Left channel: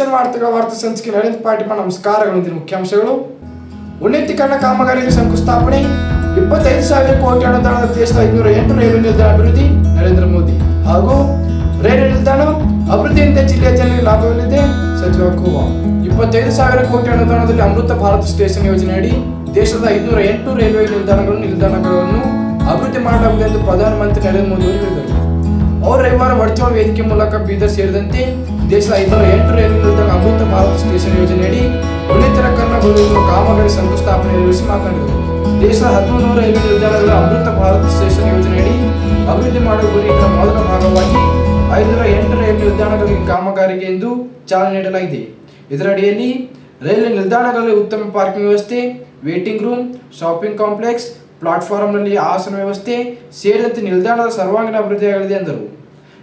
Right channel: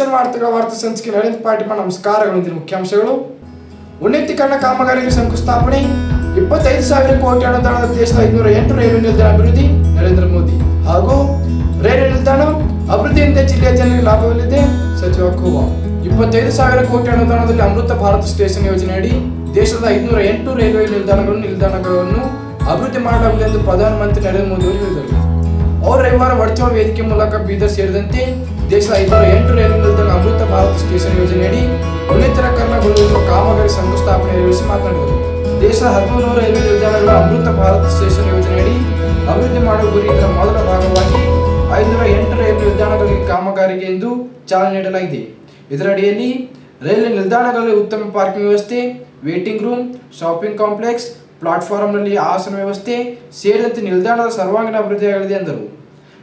Citizen ವಾರ್ತಾ ಸಂಚಿಕೆ ನರೇಂದ್ರ ಪಾಟೀಲ್ ನಮಸ್ಕಾರಗಳು. ಮುಖ್ಯಾಂಶಗಳು: ಉನ್ನತೀಕರಣ ಕಾಮಗಾರಿಗೆ ಶಂಕುಸ್ಥಾಪನೆ, 25,000 ಕೋಟಿ ಅನುದಾನದ ದೇಶದ 508 ರೈಲ್ವೆ ನಿಲ್ದಾಣ ಅಭಿವೃದ್ಧಿ ನರೇಂದ್ರ ಮೋದಿ ಹಾಗೂ ರೈಲ್ವೆ ನಿಲ್ದಾಣ ಅಭಿವೃದ್ಧಿಯಿಂದ ಜಿಲ್ಲೆಯ ಜನರಿಗೆ ಲಾಭವಿದೆ ಸಚಿವ ಖೂಬಾ. 25,000 ಕೋಟಿ ಅನುದಾನದಲ್ಲಿ ಅಮೃತ ಭಾರತ್ ಸ್ಟೇಷನ್ ಯೋಜನೆಯಡಿ ದೇಶದ 508 ರೈಲ್ವೆ ನಿಲ್ದಾಣಗಳನ್ನು ಅಭಿವೃದ್ಧಿ ಮಾಡಲಾಗುವುದು ಎಂದು ಪ್ರಧಾನಮಂತ್ರಿ ನರೇಂದ್ರ ಮೋದಿ ಅವರು ಹೇಳಿದರು. ಅವರು ರವಿವಾರ ವರ್ಚುವಲ್ ವೇದಿಕೆ ಮೂಲಕ ಬೀದರ್ ಸೇರಿದಂತೆ ದೇಶದ 508 ರೈಲ್ವೆ ನಿಲ್ದಾಣ ಅಮೃತ ಭಾರತ್ ಸ್ಟೇಷನ್ ಯೋಜನೆಯಡಿ ಉನ್ನತೀಕರಣಗೊಳ್ಳುವ ಕಾಮಗಾರಿ ಶಂಕುಸ್ಥಾಪನೆ ನೆರವೇರಿಸಿ ಮಾತನಾಡಿದರು. ದೇಶದ 13 ರೈಲ್ವೆ ನಿಲ್ದಾಣಗಳ ಅಮೃತ ಭಾರತ್ ಸ್ಟೇಷನ್ ಯೋಜನೆಯಡಿ ಅಭಿವೃದ್ಧಿ ಮಾಡುವ ಗುರಿ. ಇದರ ಮೊದಲ ಭಾಗವಾಗಿ 508 ರೈಲ್ವೆ ನಿಲ್ದಾಣಗಳಿಗೆ ಕಾಮಗಾರಿಗೆ ಎಂದು ಚಾಲನೆ ನೀಡಲಾಗಿದೆ. ಇದರಡಿಯಲ್ಲಿ ರೈಲ್ವೆ ನಿಲ್ದಾಣಗಳಲ್ಲಿ ಉತ್ತಮ ಪಾರ್ಕಿಂಗ್ ವ್ಯವಸ್ಥೆ, ವೇಟಿಂಗ್ ರೂಮ್, ಶಾಪಿಂಗ್ ಕಾಂಪ್ಲೆಕ್ಸ್, ಪ್ಲಾಟ್ಫಾರ್ಮ್ನಲ್ಲಿ ಆಸನ ವ್ಯವಸ್ಥೆ ಸೇರಿದಂತೆ ನಿಲ್ದಾಣದ ಸರ್ವಾಂಗೀಣ ಅಭಿವೃದ್ಧಿಯಾಗಲಿದೆ ಎಂದರು.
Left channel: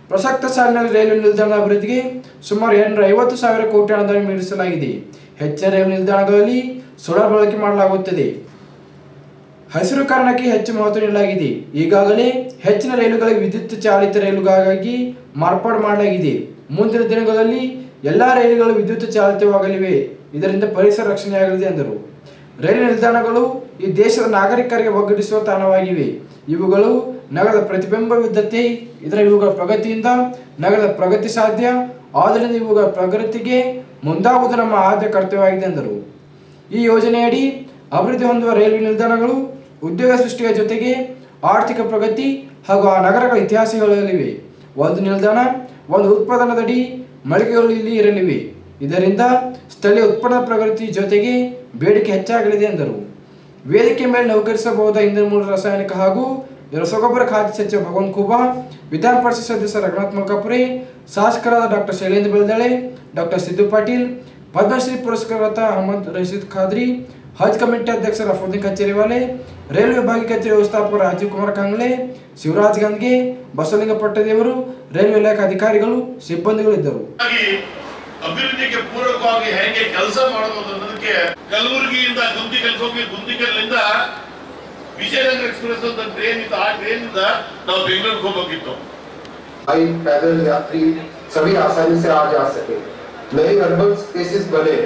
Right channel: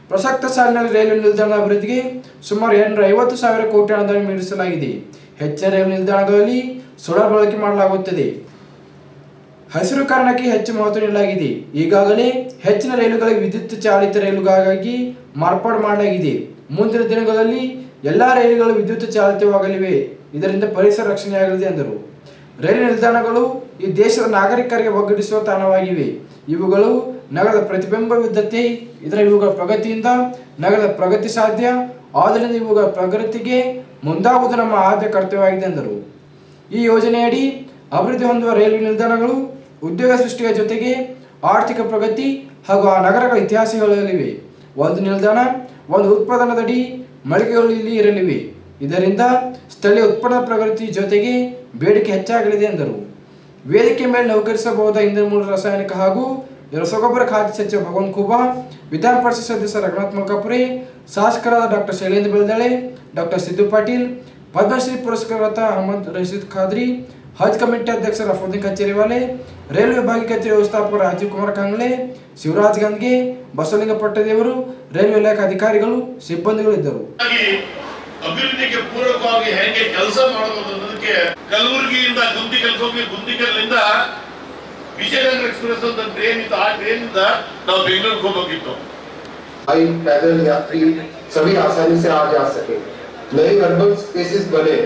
ಪ್ರಸಕ್ತ ಸಾಲಿನಲ್ಲಿ ರೈಲ್ವೆ ನಿಲ್ದಾಣದ ಅಭಿವೃದ್ಧಿಗೆ ಸುಮಾರು 250,000 ಕೋಟಿ ಅನುದಾನ ಮೀಸಲಿಡಲಾಗಿದೆ. ಹೆಚ್ಚಿನ ರೈಲ್ವೆ ನಿಲ್ದಾಣಗಳಲ್ಲಿ ಸೋಲಾರ್ ಬಳಕೆ ಮಾಡಲಾಗುತ್ತದೆ. ಹಸಿರುಕರಣಕ್ಕೆ ಹೆಚ್ಚು ಮಹತ್ವ ನೀಡಲಾಗಿದೆ. ಈಗಾಗಲೇ ಹೆಚ್ಚಿನ ರೈಲುಗಳಿಗೆ ವಿದ್ಯುತ್ ಚಾಲಿತ ರೈಲುಗಳಾಗಿ ಮಾರ್ಪಾಡು ಮಾಡಲಾಗಿದೆ. ಮುಂದಿನ ದಿನಗಳಲ್ಲಿ ಎಲ್ಲಾ ರೈಲುಗಳು ವಿದ್ಯುತ್ ಚಾಲಿತವಾಗಲಿವೆ. ಇದರಿಂದ ಪರಿಸರ ರಕ್ಷಣೆಯಾಗಲಿದೆ ಎಂದರು. ರೈಲು ನಿಲ್ದಾಣಗಳು ಈ ದೇಶದ ನಾಗರಿಕರಿಗೆ ಒಗ್ಗೂಡಿಸುವ ತಾಣವಾಗಿವೆ. ಇವುಗಳು ನಗರದ ಪ್ರತಿಬಿಂಬವಿದ್ದಂತೆ. ಇವುಗಳ ಪ್ರಗತಿಯಿಂದ ನಗರದ ಪ್ರಗತಿ ಸಾಧ್ಯ. ಆದ್ದರಿಂದ ಇವುಗಳ ಪ್ರಗತಿಗೆ ಮುಂದಾಗುವುದು ನಮ್ಮ ಆದ್ಯ ಕರ್ತವ್ಯವಾಗಿದೆ ಎಂದರು. ಈ ಯೋಜನೆಯಡಿ ಅಭಿವೃದ್ಧಿ ಹೊಂದುವ ರೈಲ್ವೆ ನಿಲ್ದಾಣಗಳು ಉದ್ಯೋಗ ಸೃಷ್ಟಿಯ ಜೊತೆಗೆ ಆರ್ಥಿಕ ಪ್ರಗತಿ ಹಾಗೂ ಆ ನಗರಗಳ ಇತಿಹಾಸಗಳಿವೆ. ಒಂದು ನಿಲ್ದಾಣ, ಒಂದು ಉತ್ಪಾದನದಡಿ ಮಳಿಗೆಗಳು ಇಲ್ಲಿ ಇರಲಿವೆ. ಇದರಿಂದ ಸ್ಥಳೀಯ ಉತ್ಪನ್ನದ ಪ್ರಗತಿ ಜೊತೆಗೆ ಬೇಡಿಕೆ ಹೆಚ್ಚಾಗಲಿದೆ ಎಂದರು. ವೇದಿಕೆ ಮೇಲೆ ನೌಕರಿಸಬಹುದಾದ ಇಂಧನ ಮೂಲ ರಾಸಾಯನಿಕ ಹಾಗೂ ರಸಗೊಬ್ಬರ ಖಾತೆ ಸಚಿವ ಭಗವಂತ ಖೂಬಾ, ವಿಧಾನ ಪರಿಷತ್ ಸದಸ್ಯ ರಘುನಾಥ್ ಮಲ್ಕಾಪುರೆ, ಶಾಸಕರಾದ ಡಾಕ್ಟರ್ ಶೈಲೇಂದ್ರ ಬೆಲ್ದಳೆ, ಡಾಕ್ಟರ್ ಸಿದ್ದು ಪಾಟೀಲ್, ಪದ್ಮಶ್ರೀ ಪುರಸ್ಕೃತ ಅಹಮದ್ ರಶೀದ್ ಖಾದ್ರಿ, ಹಜ್ ಕಮಿಟಿ ಅಧ್ಯಕ್ಷ ರಫುದ್ದೀನ್ ಕಚೇರಿವಾಲೆ, ರೈಲ್ವೆ ವಿಭಾಗೀಯ ಕಚೇರಿ ವ್ಯವಸ್ಥಾಪಕ ರಾಜೀವ್ ಕುಮಾರ್ ಕಾಂಗ್ಲೆ, ಶಿವರಾಜ್ ಗಂಗೆ, ಬಸವಲಿಂಗ ಪಟ್ಟದೇವರು, ರೈಲ್ವೆ ಇಲಾಖೆ ಅಧಿಕಾರಿಗಳು, ಸಿಬ್ಬಂದಿಗಳು ಇದ್ದರು. ಅಭಿವೃದ್ಧಿಗೆ ಪೂರಕವಾಗಿ ಹೇಗೆ ಕೆಲಸ ಮಾಡಬಹುದು ಅನ್ನೋದಕ್ಕೆ ಕಲಬುರಗಿಯಿಂದ ಗುಂದಿಕಲ್ ಹೋಗಿ ಗುಂದಿಕಲ್ನಿಂದ ವಿಜಯನಗರ ಎಕ್ಸ್ಪ್ರೆಸ್ ಅಂತ ಟ್ರೈನ್ ಇತ್ತು. ಆ ಟ್ರೈನ್ ಇಂದ ನಾವು ಬೆಂಗಳೂರಿಗೆ ಹೋಗಬೇಕಿತ್ತು. पैदल यात्री सभी आसानी से आ जा सके. नए अर्बन स्पेसेस बने.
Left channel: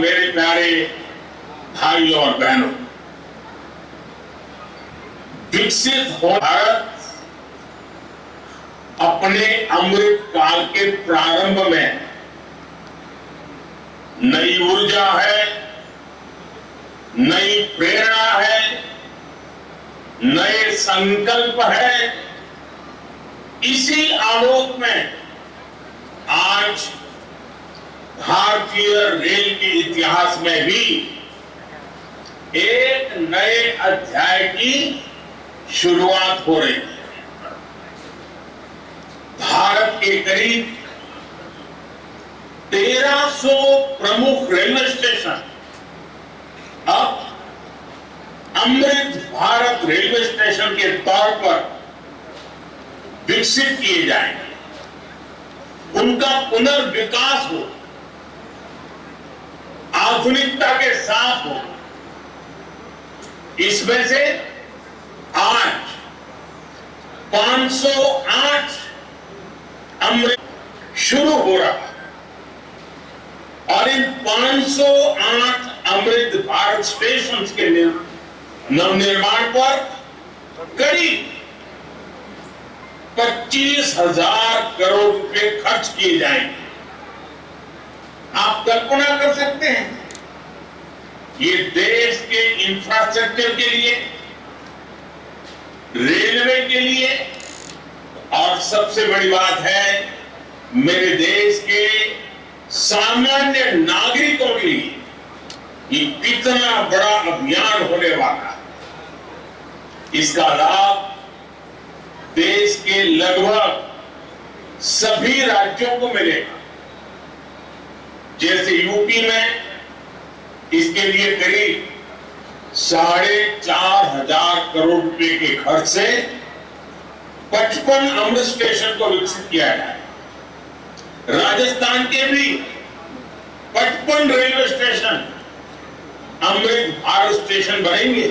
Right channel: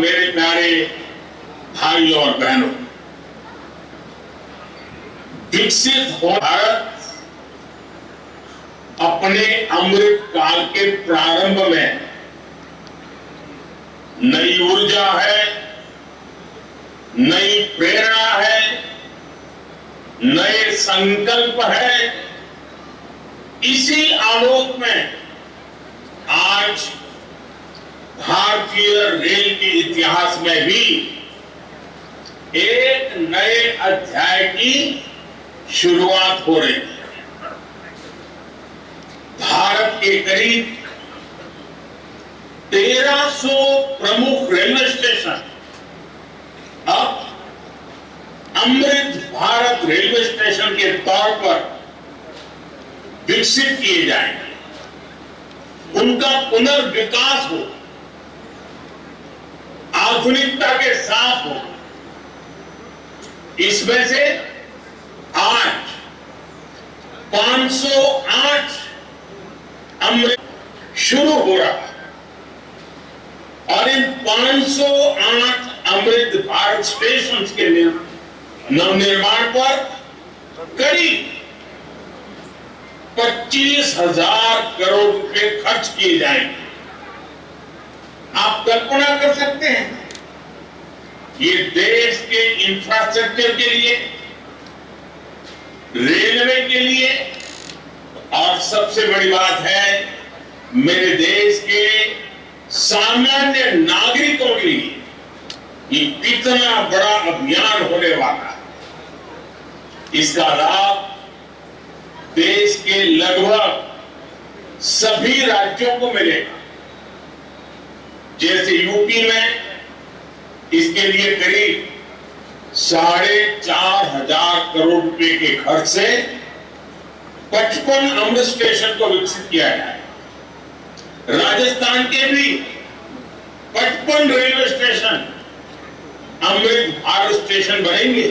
मेरे प्यारे भाइयों और बहनों, विकसित हो भारत अपने अमृत काल के प्रारंभ में नई ऊर्जा है, नई प्रेरणा है, नए संकल्प है. इसी आलोक में आज भारतीय रेल के इतिहास में भी एक नए अध्याय की शुरुआत हो रही है. भारत के करीब 1300 प्रमुख रेलवे स्टेशन अब अमृत भारत रेलवे स्टेशन के तौर पर विकसित किए जाएंगे. उनका पुनर्विकास हो, आधुनिकता के साथ हो. इसमें से आज 508 अमृत शुरू हो रहा है और इन 508 अमृत भारत स्टेशन के नवनिर्माण पर करीब 25,000 करोड़ रुपए खर्च किए जाएंगे. आप कल्पना कर सकते हैं, ये देश के इंफ्रास्ट्रक्चर के लिए, रेलवे के लिए और सबसे बड़ी बात है मेरे देश के सामान्य नागरिकों के लिए ये कितना बड़ा अभियान होने वाला है. इसका लाभ देश के लगभग सभी राज्यों को मिलेगा। जैसे यूपी में इसके लिए करीब 4,500 करोड़ रुपए के खर्च से 55 अमृत स्टेशन को विकसित किया गया है। राजस्थान के भी 55 railway station Amrit Bharat station बनेंगे।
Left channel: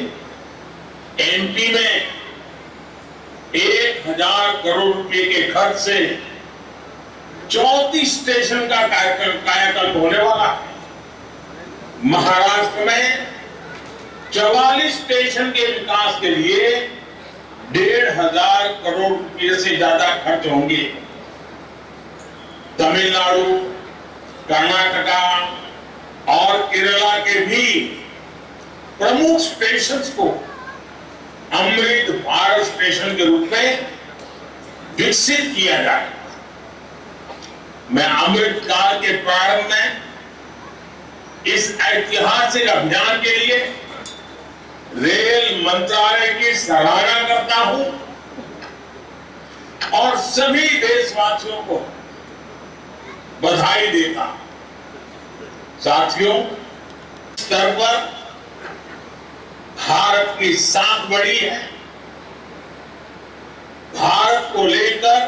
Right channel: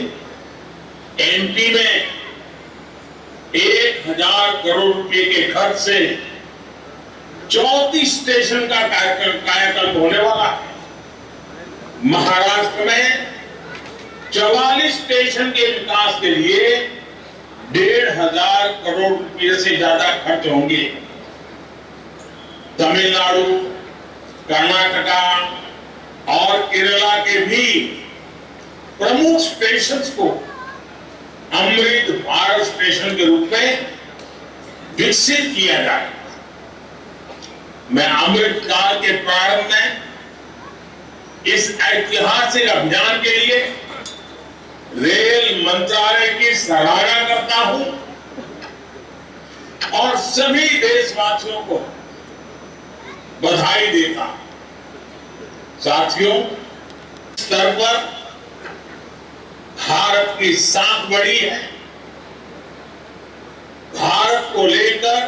एमपी में 1,000 करोड़ रुपए के खर्च से 34 स्टेशन का कायाकल्प होने वाला है। महाराष्ट्र में 44 स्टेशन के विकास के लिए 1,500 करोड़ रुपए से ज्यादा खर्च होंगे। तमिलनाडु, कर्नाटका और केरला के भी प्रमुख स्टेशन को अमृत भारत स्टेशन के रूप में विकसित किया जाए। मैं अमृत काल के प्रारंभ में इस ऐतिहासिक अभियान के लिए रेल मंत्रालय की सराहना करता हूं और सभी देशवासियों को बधाई देता हूं। साथियों, स्तर पर भारत की साख बढ़ी है। भारत को लेकर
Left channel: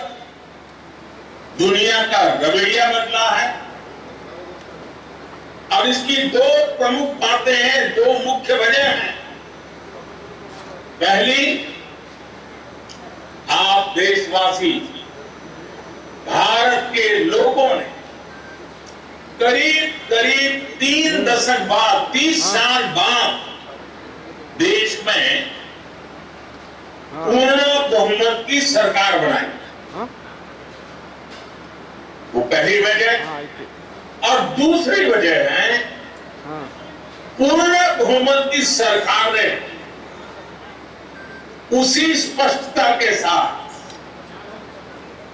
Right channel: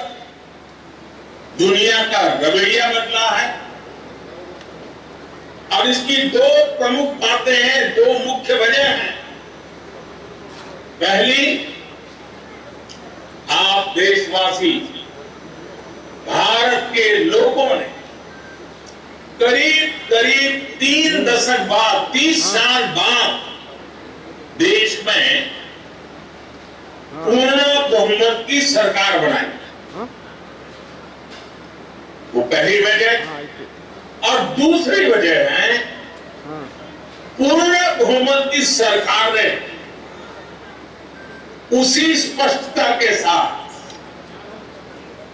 दुनिया का रवैया बदला है और इसकी दो प्रमुख बातें हैं, दो मुख्य वजह हैं। पहली, आप देशवासी, भारत के लोगों ने करीब 3 दशक बाद, 30 साल बाद देश में पूर्ण बहुमत की सरकार बनाई। वो पहली वजह। और दूसरी वजह है, पूर्ण बहुमत की सरकार ने उसी स्पष्टता के साथ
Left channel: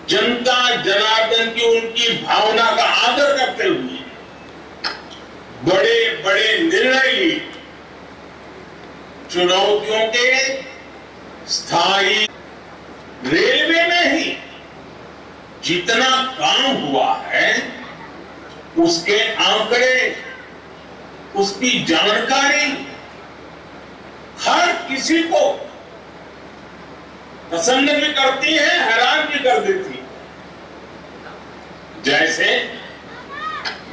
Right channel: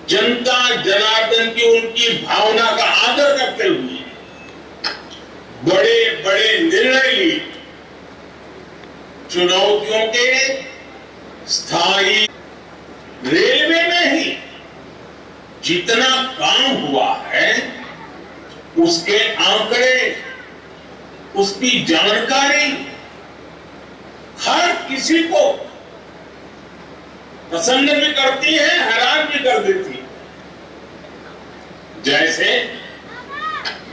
जनता जनार्दन की उनकी भावना का आदर करते हुए बड़े बड़े निर्णय लिए। चुनौतियों के स्थायी रेलवे में ही जितना काम हुआ है उसके आंकड़े, उसकी जानकारी हर किसी को प्रसन्न भी करती है, हैरान भी कर देती है। जैसे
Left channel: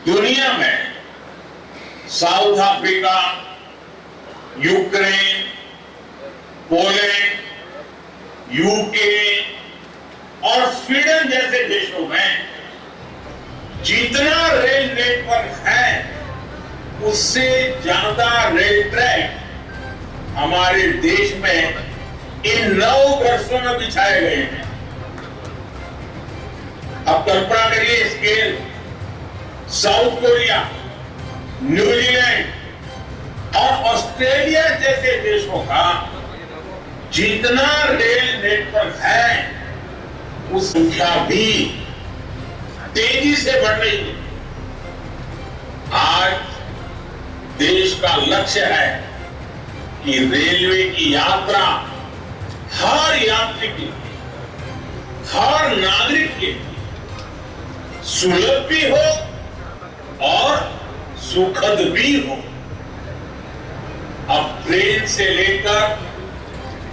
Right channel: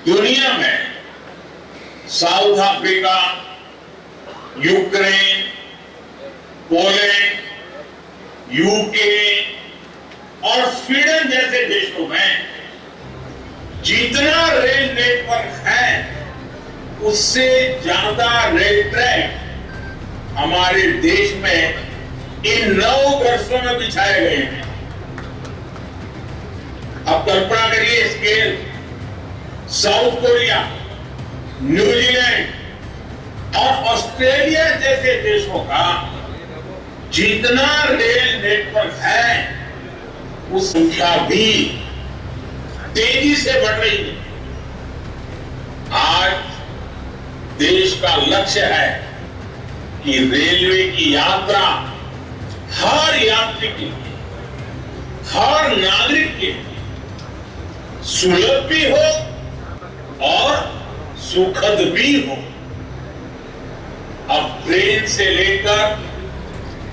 दुनिया में south Africa, Ukraine, Poland, UK और स्वीडन जैसे देशों में जितना रेल नेटवर्क है उससे ज्यादा रेल ट्रैक हमारे देश में इन 9 वर्षों में बिछाए गए हैं। अब कल्पना करिए स्केल। साउथ कोरिया, न्यूजीलैंड और ऑस्ट्रेलिया जैसे देशों का जितना रेल नेटवर्क है उस संख्या भी तेजी से बढ़ रही है। आज देश का लक्ष्य है कि रेलवे की यात्रा हर यात्री के लिए, हर नागरिक के लिए सुलभ भी हो और सुखद भी हो। अब ट्रेन से लेकर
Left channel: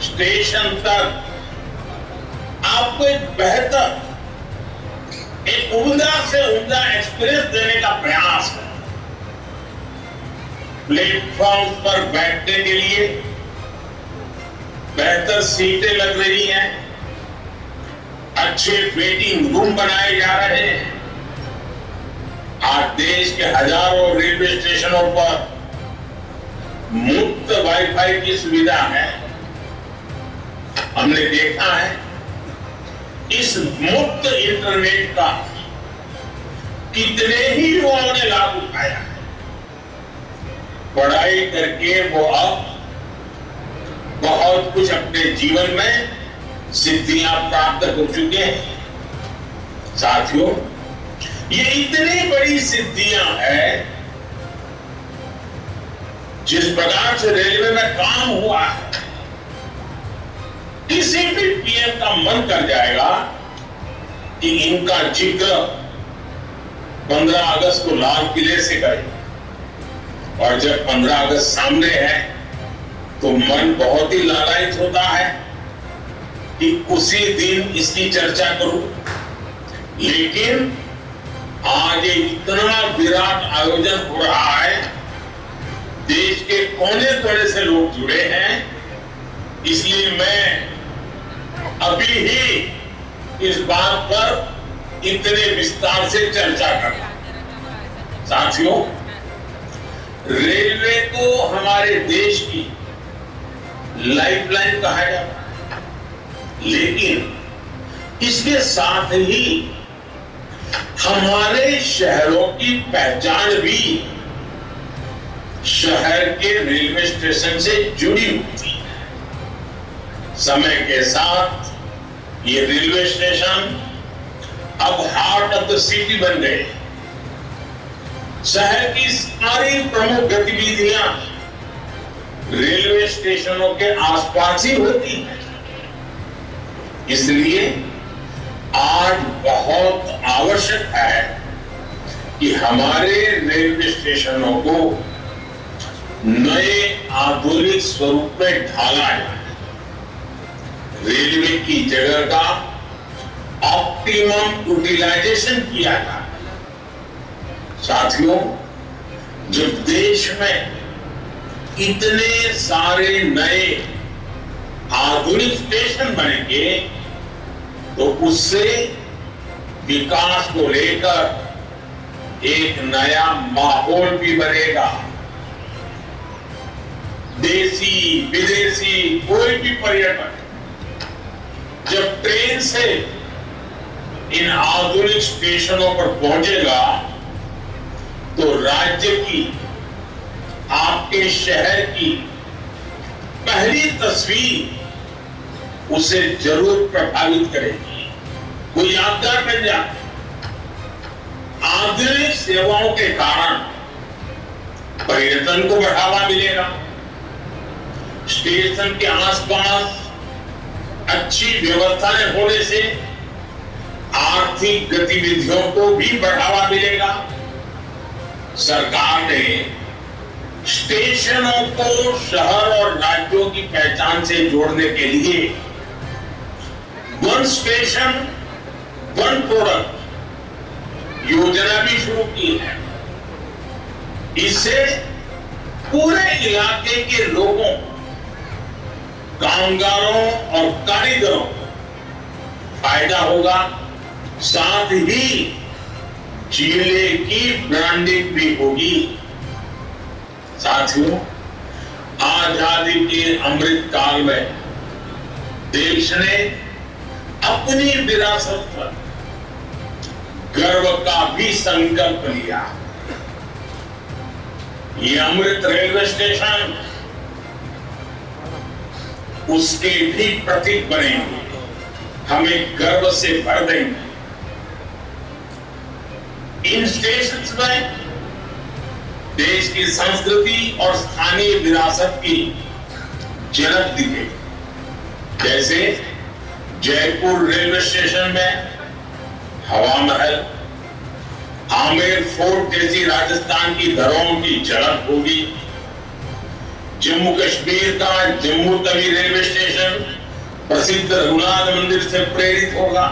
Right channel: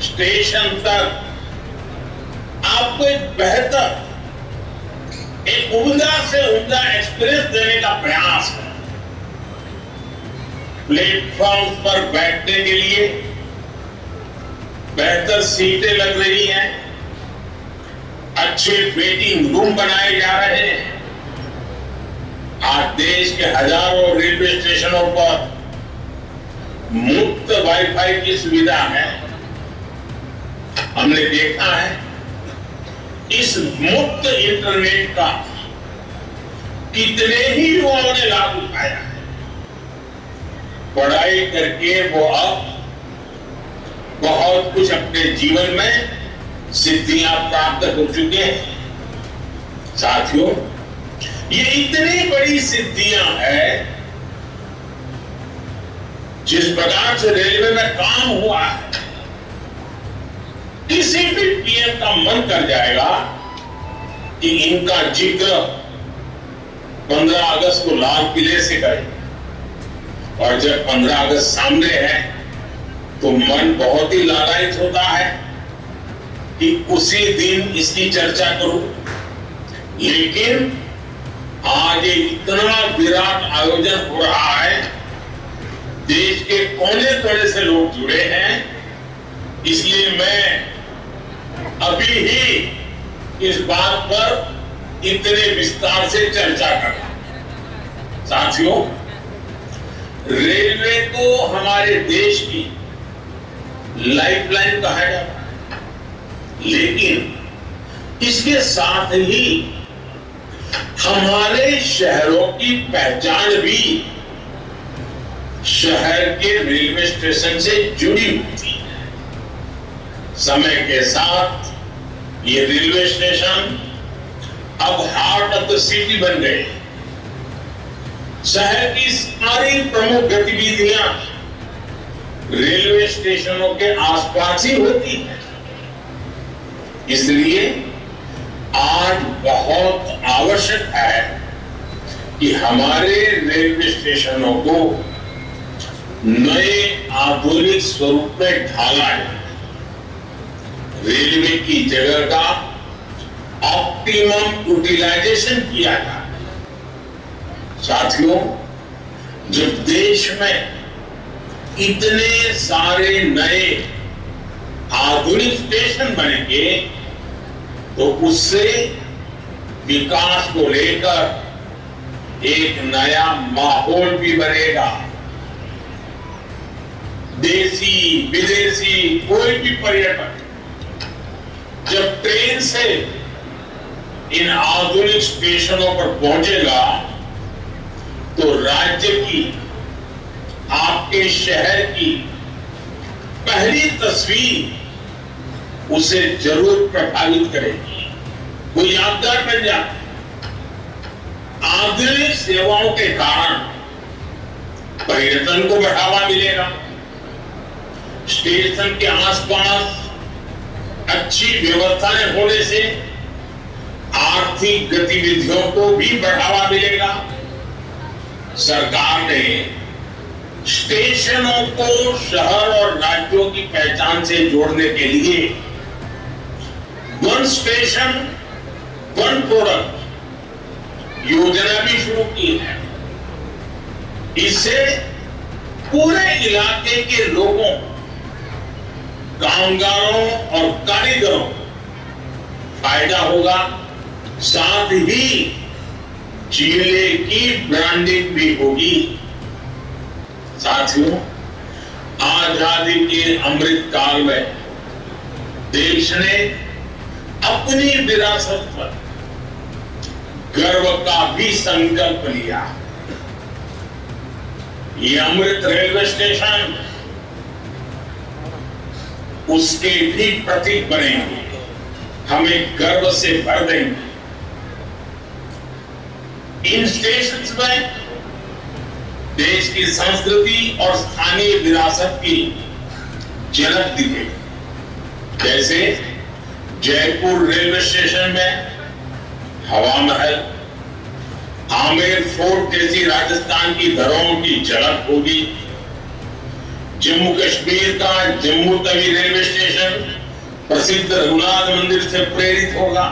स्टेशन तक आपको एक बेहतर, एक उम्दा से उम्दा एक्सपीरियंस देने का प्रयास है। प्लेटफॉर्म पर बैठने के लिए बेहतर सीटें लग रही हैं, अच्छे वेटिंग रूम बनाए जा रहे हैं। आज देश के हजारों रेलवे स्टेशनों पर मुफ्त वाईफाई की सुविधा है। हमने देखा है इस मुफ्त इंटरनेट का कितने ही युवाओं ने लाभ उठाया है। पढ़ाई करके वो अब बहुत कुछ अपने जीवन में सिद्धियां प्राप्त हो चुके हैं। साथियों, ये इतनी बड़ी सिद्धियां हैं, जिस प्रकार से रेलवे में काम हुआ है, किसी भी पीएम का मन कर जाएगा कि इनका जिक्र 15 अगस्त को लाल किले से करें, और जब 15 अगस्त सामने है तो मन बहुत ही लालायित होता है कि उसी दिन इसकी चर्चा करूं। लेकिन आज इतना विराट आयोजन हो रहा है, देश के कोने कोने से लोग जुड़े हैं, इसलिए मैं अभी ही इस बात पर इतने विस्तार से चर्चा करूं। साथियों, रेलवे को हमारे देश की लाइफलाइन कहा जाता है, लेकिन इसके साथ ही हमारे शहरों की पहचान भी शहर के रेलवे स्टेशन से जुड़ी होती है। समय के साथ ये रेलवे स्टेशन अब हार्ट ऑफ द सिटी बन गए। शहर की सारी प्रमुख गतिविधियां रेलवे स्टेशनों के आसपास ही होती है। इसलिए आज बहुत आवश्यक है कि हमारे रेलवे स्टेशनों को नए आधुनिक स्वरूप में ढाला जाए, रेलवे की जगह का ऑप्टिमम यूटिलाइजेशन किया जाए। साथियों, जब देश में इतने सारे नए आधुनिक स्टेशन बनेंगे तो उससे विकास को लेकर एक नया माहौल भी बनेगा। देशी विदेशी कोई भी पर्यटक जब ट्रेन से इन आधुनिक स्टेशनों पर पहुंचेगा तो राज्य की, आपके शहर की पहली तस्वीर उसे जरूर प्रभावित करेगी, वो यादगार बन जाए। आधुनिक सेवाओं के कारण पर्यटन को बढ़ावा मिलेगा, स्टेशन के आसपास अच्छी व्यवस्थाएं होने से आर्थिक गतिविधियों को भी बढ़ावा मिलेगा। सरकार ने स्टेशनों को शहर और राज्यों की पहचान से जोड़ने के लिए वन स्टेशन वन प्रोडक्ट योजना भी शुरू की है। इससे पूरे इलाके के लोगों, कामगारों और कारीगरों को फायदा होगा, साथ ही जिले की ब्रांडिंग भी होगी। साथियों, आजादी के अमृत काल में देश ने अपनी विरासत पर गर्व का भी संकल्प लिया। ये अमृत रेलवे स्टेशन उसके भी प्रतीक बनेंगे, हमें गर्व से भर देंगे। इन स्टेशंस में देश की संस्कृति और स्थानीय विरासत की झलक दिखेगी। जैसे जयपुर रेलवे स्टेशन में हवा महल, आमेर फोर्ट जैसी राजस्थान की धरोहरों की झलक होगी। जम्मू कश्मीर का जम्मू तवी रेलवे स्टेशन प्रसिद्ध रघुनाथ मंदिर से प्रेरित होगा।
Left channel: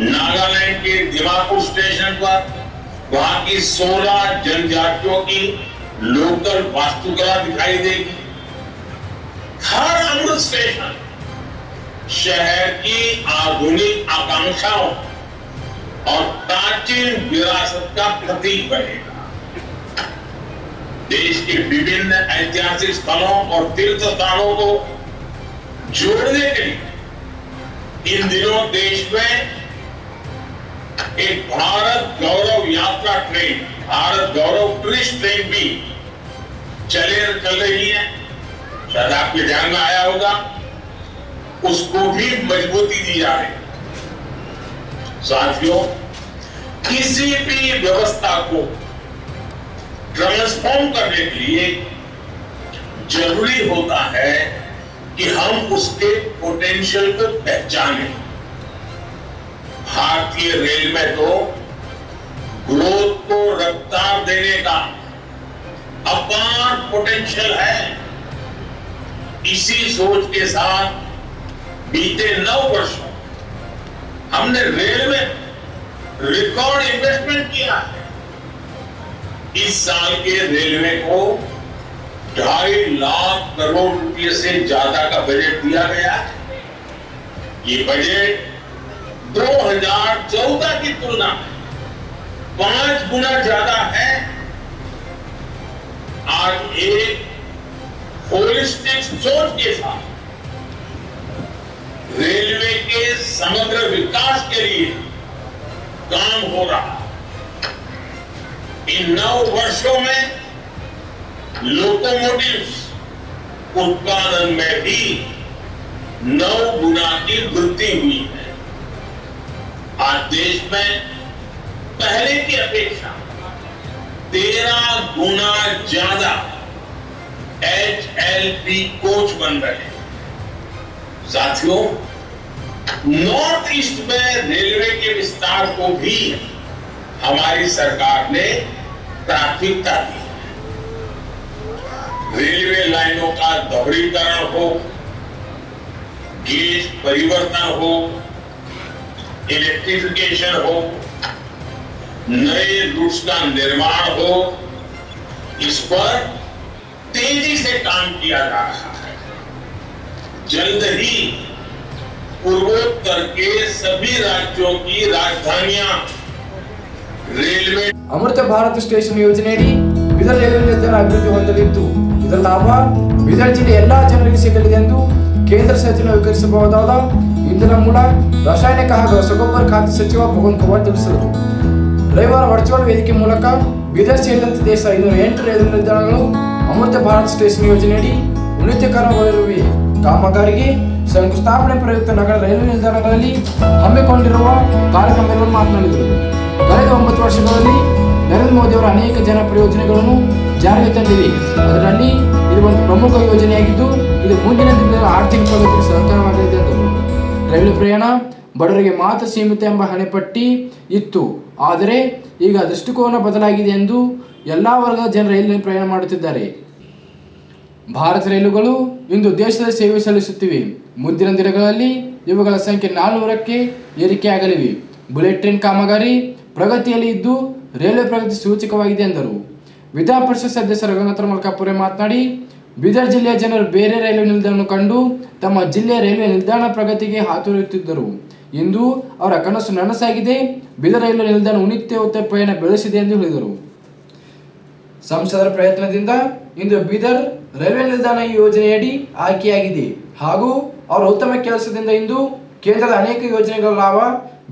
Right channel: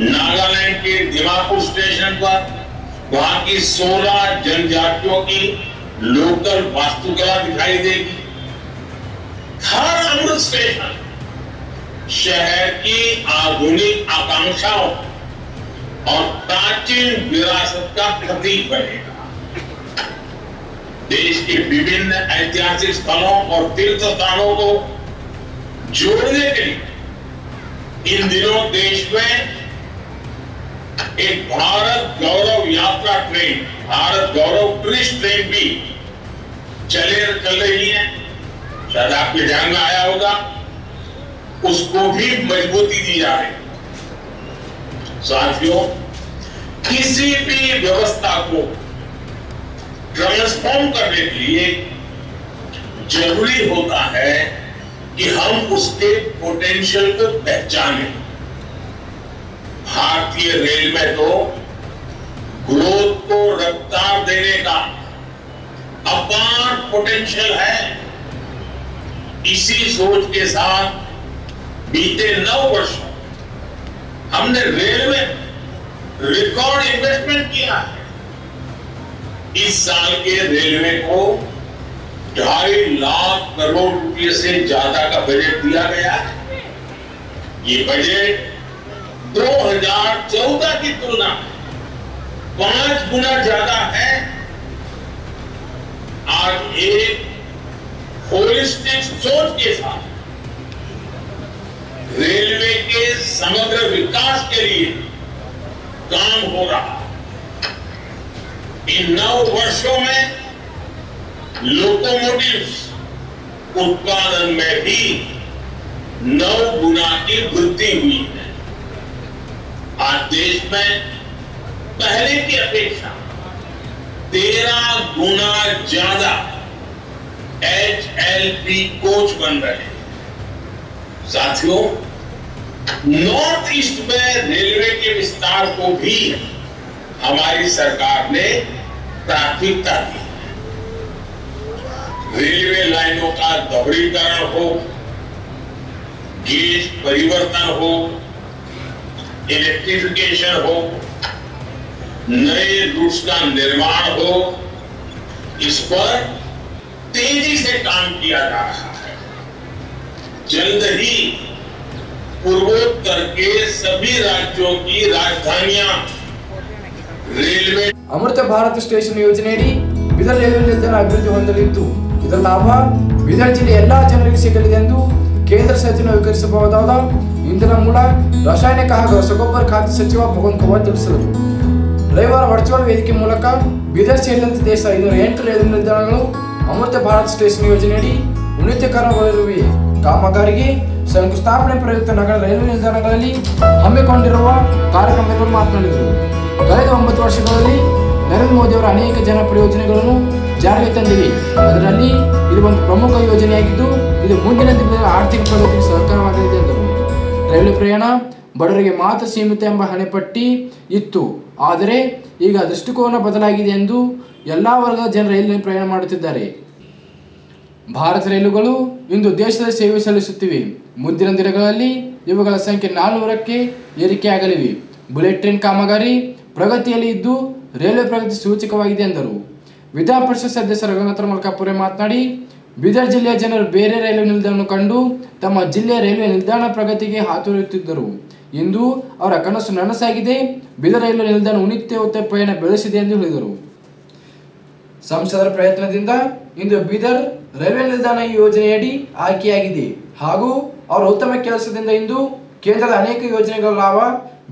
नागालैंड के दिमापुर स्टेशन पर वहां की 16 जनजातियों की लोकल वास्तुकला दिखाई देगी। हर अमृत स्टेशन शहर की आधुनिक आकांक्षाओं और प्राचीन विरासत का प्रतीक बनेगा। देश के विभिन्न ऐतिहासिक स्थलों और तीर्थ स्थानों को जोड़ने के लिए इन दिनों देश में एक भारत गौरव यात्रा ट्रेन, भारत गौरव टूरिस्ट ट्रेन भी चल रही है। शायद आपके ध्यान में आया होगा, उसको भी मजबूती दी जा रही है। साथियों, किसी भी व्यवस्था को ट्रांसफॉर्म करने के लिए जरूरी होता है कि हम उसके पोटेंशियल को पहचानें। भारतीय रेल में तो ग्रोथ को रफ्तार देने का अपार पोटेंशियल है। इसी सोच के साथ बीते 9 वर्षों हमने रेल में रिकॉर्ड इन्वेस्टमेंट किया है। इस साल के रेलवे को 2.5 लाख करोड़ रुपए से ज्यादा का बजट दिया गया है। ये बजट 2014 की तुलना में 5 गुना ज्यादा है। आज एक होलिस्टिक सोच के साथ रेलवे के समग्र विकास के लिए काम हो रहा। इन 9 वर्षों में लोकोमोटिव्स उत्पादन में भी 9 गुना की वृद्धि हुई है। आज देश में पहले की अपेक्षा 13 गुना ज्यादा HLP कोच बन रहे हैं। साथियों, नॉर्थ ईस्ट में रेलवे के विस्तार को भी हमारी सरकार ने प्राथमिकता दी है। रेलवे लाइनों का दोहरीकरण हो, गेज परिवर्तन हो, इलेक्ट्रिफिकेशन हो, नए रूट्स का निर्माण हो, इस पर तेजी से काम किया जा रहा है। जल्द ही पूर्वोत्तर के सभी राज्यों की राजधानियां रेलवे ಅಮೃತ ಭಾರತ್ ಸ್ಟೇಷನ್ ಯೋಜನೆಯಡಿ ಬೀದರ್ ರೈಲ್ವೆ ನಿಲ್ದಾಣ ಅಭಿವೃದ್ಧಿ ಹೊಂದಲಿದ್ದು ಇದರ ಲಾಭ ಬೀದರ್ ಜಿಲ್ಲೆಯ ಎಲ್ಲಾ ಜನರಿಗೆ ಸಿಗಲಿದೆ ಎಂದು ಕೇಂದ್ರ ಸಚಿವ ವಿತರಿಸಬಹುದಾದ ಇಂಧನ ಮೂಲ ರಾಸಾಯನಿಕ ಹಾಗೂ ರಸಗೊಬ್ಬರ ಖಾತೆ ಸಚಿವ ಭಗವಂತ ಖೂಬಾ ತಿಳಿಸಿದರು. ರವಿವಾರ ವರ್ಚುವಲ್ ವೇದಿಕೆ ಮೂಲಕ ಬೀದರ್ ಸೇರಿದಂತೆ ದೇಶದ 508 ರೈಲ್ವೆ ನಿಲ್ದಾಣಗಳು ಅಮೃತ ಭಾರತ್ ಸ್ಟೇಷನ್ ಯೋಜನೆಯಡಿ ಉನ್ನತೀಕರಣಗೊಳ್ಳಲಿವೆ. ಕಾಮಗಾರಿಗೆ ಶಂಕುಸ್ಥಾಪನೆ ಪ್ರಯುಕ್ತ ನಗರ ರೈಲ್ವೆ ನಿಲ್ದಾಣಗಳಲ್ಲಿ ಹಮ್ಮಿಕೊಂಡಿರುವ ಕಾರ್ಯಕ್ರಮದಲ್ಲಿ ಮಾತನಾಡಿದರು. ಕಳೆದ 9 ವರ್ಷಗಳಲ್ಲಿ ನರೇಂದ್ರ ಮೋದಿ ಅವರ ಅನೇಕ ಜನಪ್ರಿಯ ಯೋಜನೆಗಳನ್ನು ಜಾರಿಗೆ ತಂದಿವೆ. ಅದರಲ್ಲಿ ಇದು ಒಂದು ಪ್ರಮುಖ ಯೋಜನೆಯಾಗಿದ್ದು ಇದು ಮುಂದಿನ ದಿನಗಳ ಆರ್ಥಿಕ ಪ್ರಗತಿಗೆ ಸಹಕಾರವಾಗಲಿದೆ ಎಂದರು. ರೈಲು ಪ್ರಯಾಣ ಬಡವರಿಗೆ ಮಾತ್ರ ಸೀಮಿತ ಎಂಬ ಹಣೆಪಟ್ಟಿ ಇತ್ತು. ಆದರೆ ಈಗ ದೃಷ್ಟಿಕೋನ ಬದಲಾಗಿದೆ ಎಂದು ಎಲ್ಲಾ ವರ್ಗದ ಜನರು ರೈಲಿನಲ್ಲಿ ಪ್ರಯಾಣ ಮಾಡುತ್ತಿದ್ದಾರೆ. ಭಾರತ ರೈಲುಗಳು ಇಂದು ದೇಶದ ಸೇವೆ ಸಲ್ಲಿಸುತ್ತಿವೆ. ಮುಂದಿನ ದಿನಗಳಲ್ಲಿ ಇವುಗಳ ಸಂಖ್ಯೆ 400ಕ್ಕೆ ಏರಿಕೆಯಾಗಲಿವೆ. ಬುಲೆಟ್ ಟ್ರೈನ್ ಕಾಮಗಾರಿ ಪ್ರಗತಿಯಲ್ಲಿ ಇದ್ದು ರೈಲ್ವೆ ಪ್ರಗತಿ ಸೂಚಕವಾಗಿದೆ ಎಂದರು. ವಿಧಾನ ಪರಿಷತ್ ಸದಸ್ಯ ರಘುನಾಥ ಮಲ್ಕಾಪುರೆ ಮಾತನಾಡಿ, ಬೀದರ್ ಜಿಲ್ಲೆಯ ಜನರು ಬೇರೆ ರೈಲ್ವೆ ನಿಲ್ದಾಣವನ್ನು ಕಂಡು ತಮ್ಮ ಜಿಲ್ಲೆಯ ರೈಲ್ವೆ ನಿಲ್ದಾಣ ಪ್ರಗತಿಗೆ ಹಾತೊರೆಯುತ್ತಿದ್ದರು. ಇಂದು ಅವರ ಕನಸು ನನಸಾಗಿದೆ. ಬೀದರ್ ರೈಲ್ವೆ ನಿಲ್ದಾಣ ಉನ್ನತ ಪಯಣ ಬೆಳೆಸಿದೆ ಎಂದು ಹೇಳಿದರು. ಸಂಸದರ ಪ್ರಯತ್ನದಿಂದ ಇಂದು ಬೀದರ್ ರೈಲ್ವೆ ನಿಲ್ದಾಣ ಈ ಯೋಜನೆಯಡಿ ಆಯ್ಕೆಯಾಗಿದೆ ಹಾಗೂ ಅವರ ಉತ್ತಮ ಕೆಲಸದಿಂದ ಇಂದು ಕೇಂದ್ರದ ಅನೇಕ ಯೋಜನೆಗಳ ಲಾಭ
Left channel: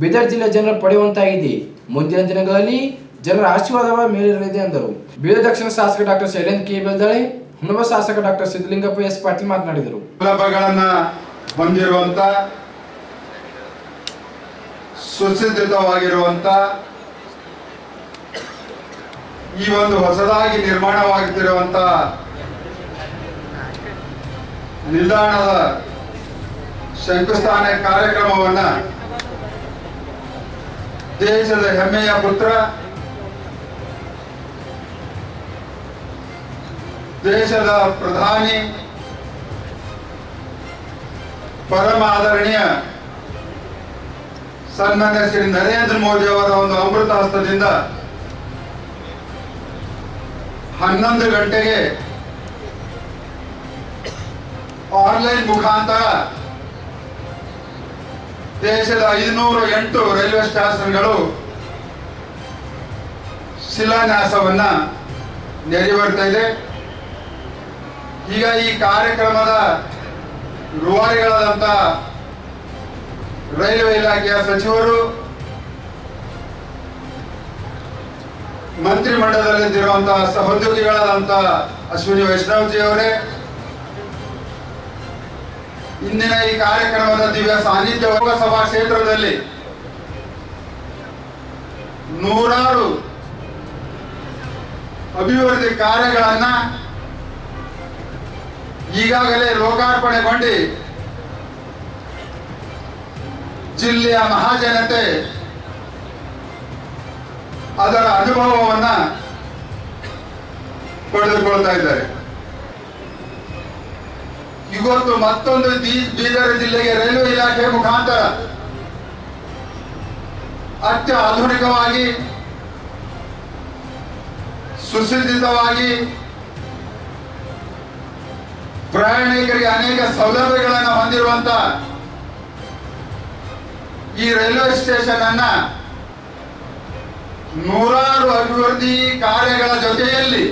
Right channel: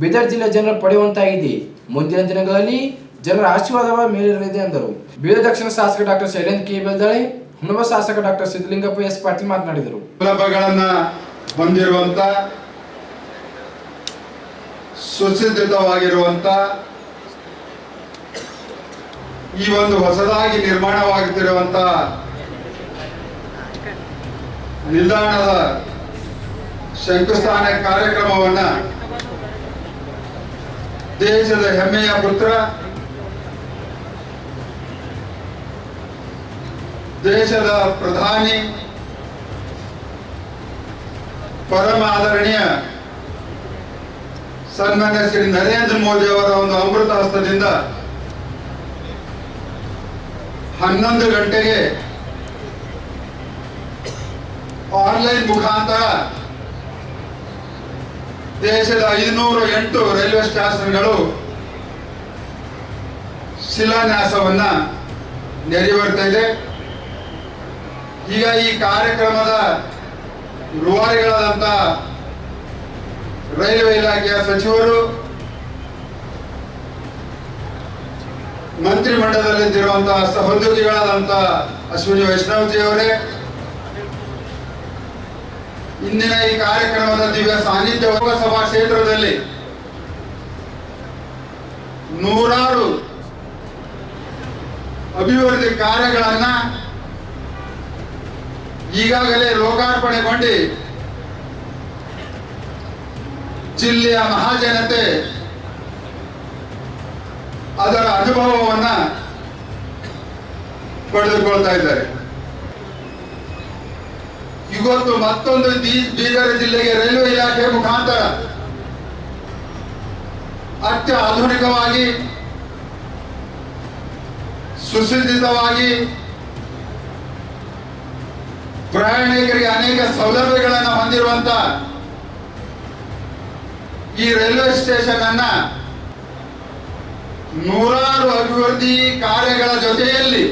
ಬೀದರ್ ಜಿಲ್ಲೆಯ ಜನರು ಪಡೆಯುವಂತಾಗಿದೆ. ಮುಂದಿನ ದಿನಗಳಲ್ಲಿ ಜನರ ಆಶೀರ್ವಾದ ಮೇಲಿರಲಿದೆ ಎಂದರು. ಬೀದರ್ ದಕ್ಷಿಣ ಶಾಸಕ ಡಾಕ್ಟರ್ ಶೈಲೇಂದ್ರ ಕೆ ಬೆಲ್ದಾಳೆ, ಹುಣಬ ಶಾಸಕ ಡಾಕ್ಟರ್ ಸಿದ್ದಲಿಂಗಪ್ಪ ಎಸ್ ಪಾಟೀಲ್ ಮಾತನಾಡಿದರು. ಸೌಲಭ್ಯಗಳನ್ನು ಹೊಂದಿರುವಂತ ಸುಸಜ್ಜಿತವಾಗಿರುವಂತ ಈ ಒಂದು ಹೊಸದಾಗಿ ನಿರ್ಮಾಣವಾಗುತ್ತಿರುವಂತ ನಿಲ್ದಾಣದ ಶಂಕುಸ್ಥಾಪನೆ ಕಾರ್ಯಕ್ರಮವನ್ನ ದೇಶದ ಹೆಮ್ಮೆಯ ಪುತ್ರ, ದೇಶದ ಪ್ರಧಾನಿ, ಪರಮ ಆದರಣೀಯ ಸನ್ಮಾನ್ಯ ಶ್ರೀ ನರೇಂದ್ರ ಮೋದಿ ಅವರ ಒಂದು ಅಮೃತ ಹಸ್ತದಿಂದ 11 ಗಂಟೆಗೆ ಆನ್ಲೈನ್ ಮುಖಾಂತರ ದೇಶದ 508 ರೈಲ್ವೆ ಸ್ಟೇಷನ್ಗಳು ಶಿಲಾನ್ಯಾಸವನ್ನ ನೆರವೇರ್ತಾ ಇದೆ. ಈಗ ಈ ಕಾರ್ಯಕ್ರಮದ ರೂವಾರಿಗಳಾದಂಥ ರೈಲ್ವೆ ಇಲಾಖೆಯ ಸಚಿವರು, ಮಂತ್ರಿಮಂಡಲದಲ್ಲಿರುವಂತಹ ಸಹೋದ್ಯೋಗಿಗಳಾದಂತಹ ಅಶ್ವಿನಿ ವೈಷ್ಣವಜಿ ಅವರೇ, ಇಂದಿನ ಈ ಕಾರ್ಯಕ್ರಮದ ದಿವ್ಯ ಸಾನ್ನಿಧ್ಯ ಲೋಕಸಭಾ ಕ್ಷೇತ್ರದಲ್ಲಿ ನೂರಾರು ಅಭಿವೃದ್ಧಿ ಕಾರ್ಯಗಳನ್ನ ಈಗಾಗಲೇ ಲೋಕಾರ್ಪಣೆಗೊಂಡು ಜಿಲ್ಲೆಯ ಮಹಾಜನತೆ ಅದರ ಅನುಭವವನ್ನ ಪಡೆದುಕೊಳ್ತಾ ಇದ್ದಾರೆ. ಇವತ್ತು ಮತ್ತೊಂದು ಬೀದರ್ ಜಿಲ್ಲೆಗೆ ರೈಲ್ವೆ ಇಲಾಖೆ ಮುಖಾಂತರ ಅತ್ಯಾಧುನಿಕವಾಗಿ ಸುಸಜ್ಜಿತವಾಗಿ ಪ್ರಯಾಣಿಕರಿಗೆ ಅನೇಕ ಸೌಲಭ್ಯಗಳನ್ನು ಹೊಂದಿರುವಂತ ಈ ರೈಲ್ವೆ ಸ್ಟೇಷನ್ ಅನ್ನ ನೂರಾರು ಅಭಿವೃದ್ಧಿ ಕಾರ್ಯಗಳ ಜೊತೆಯಲ್ಲಿ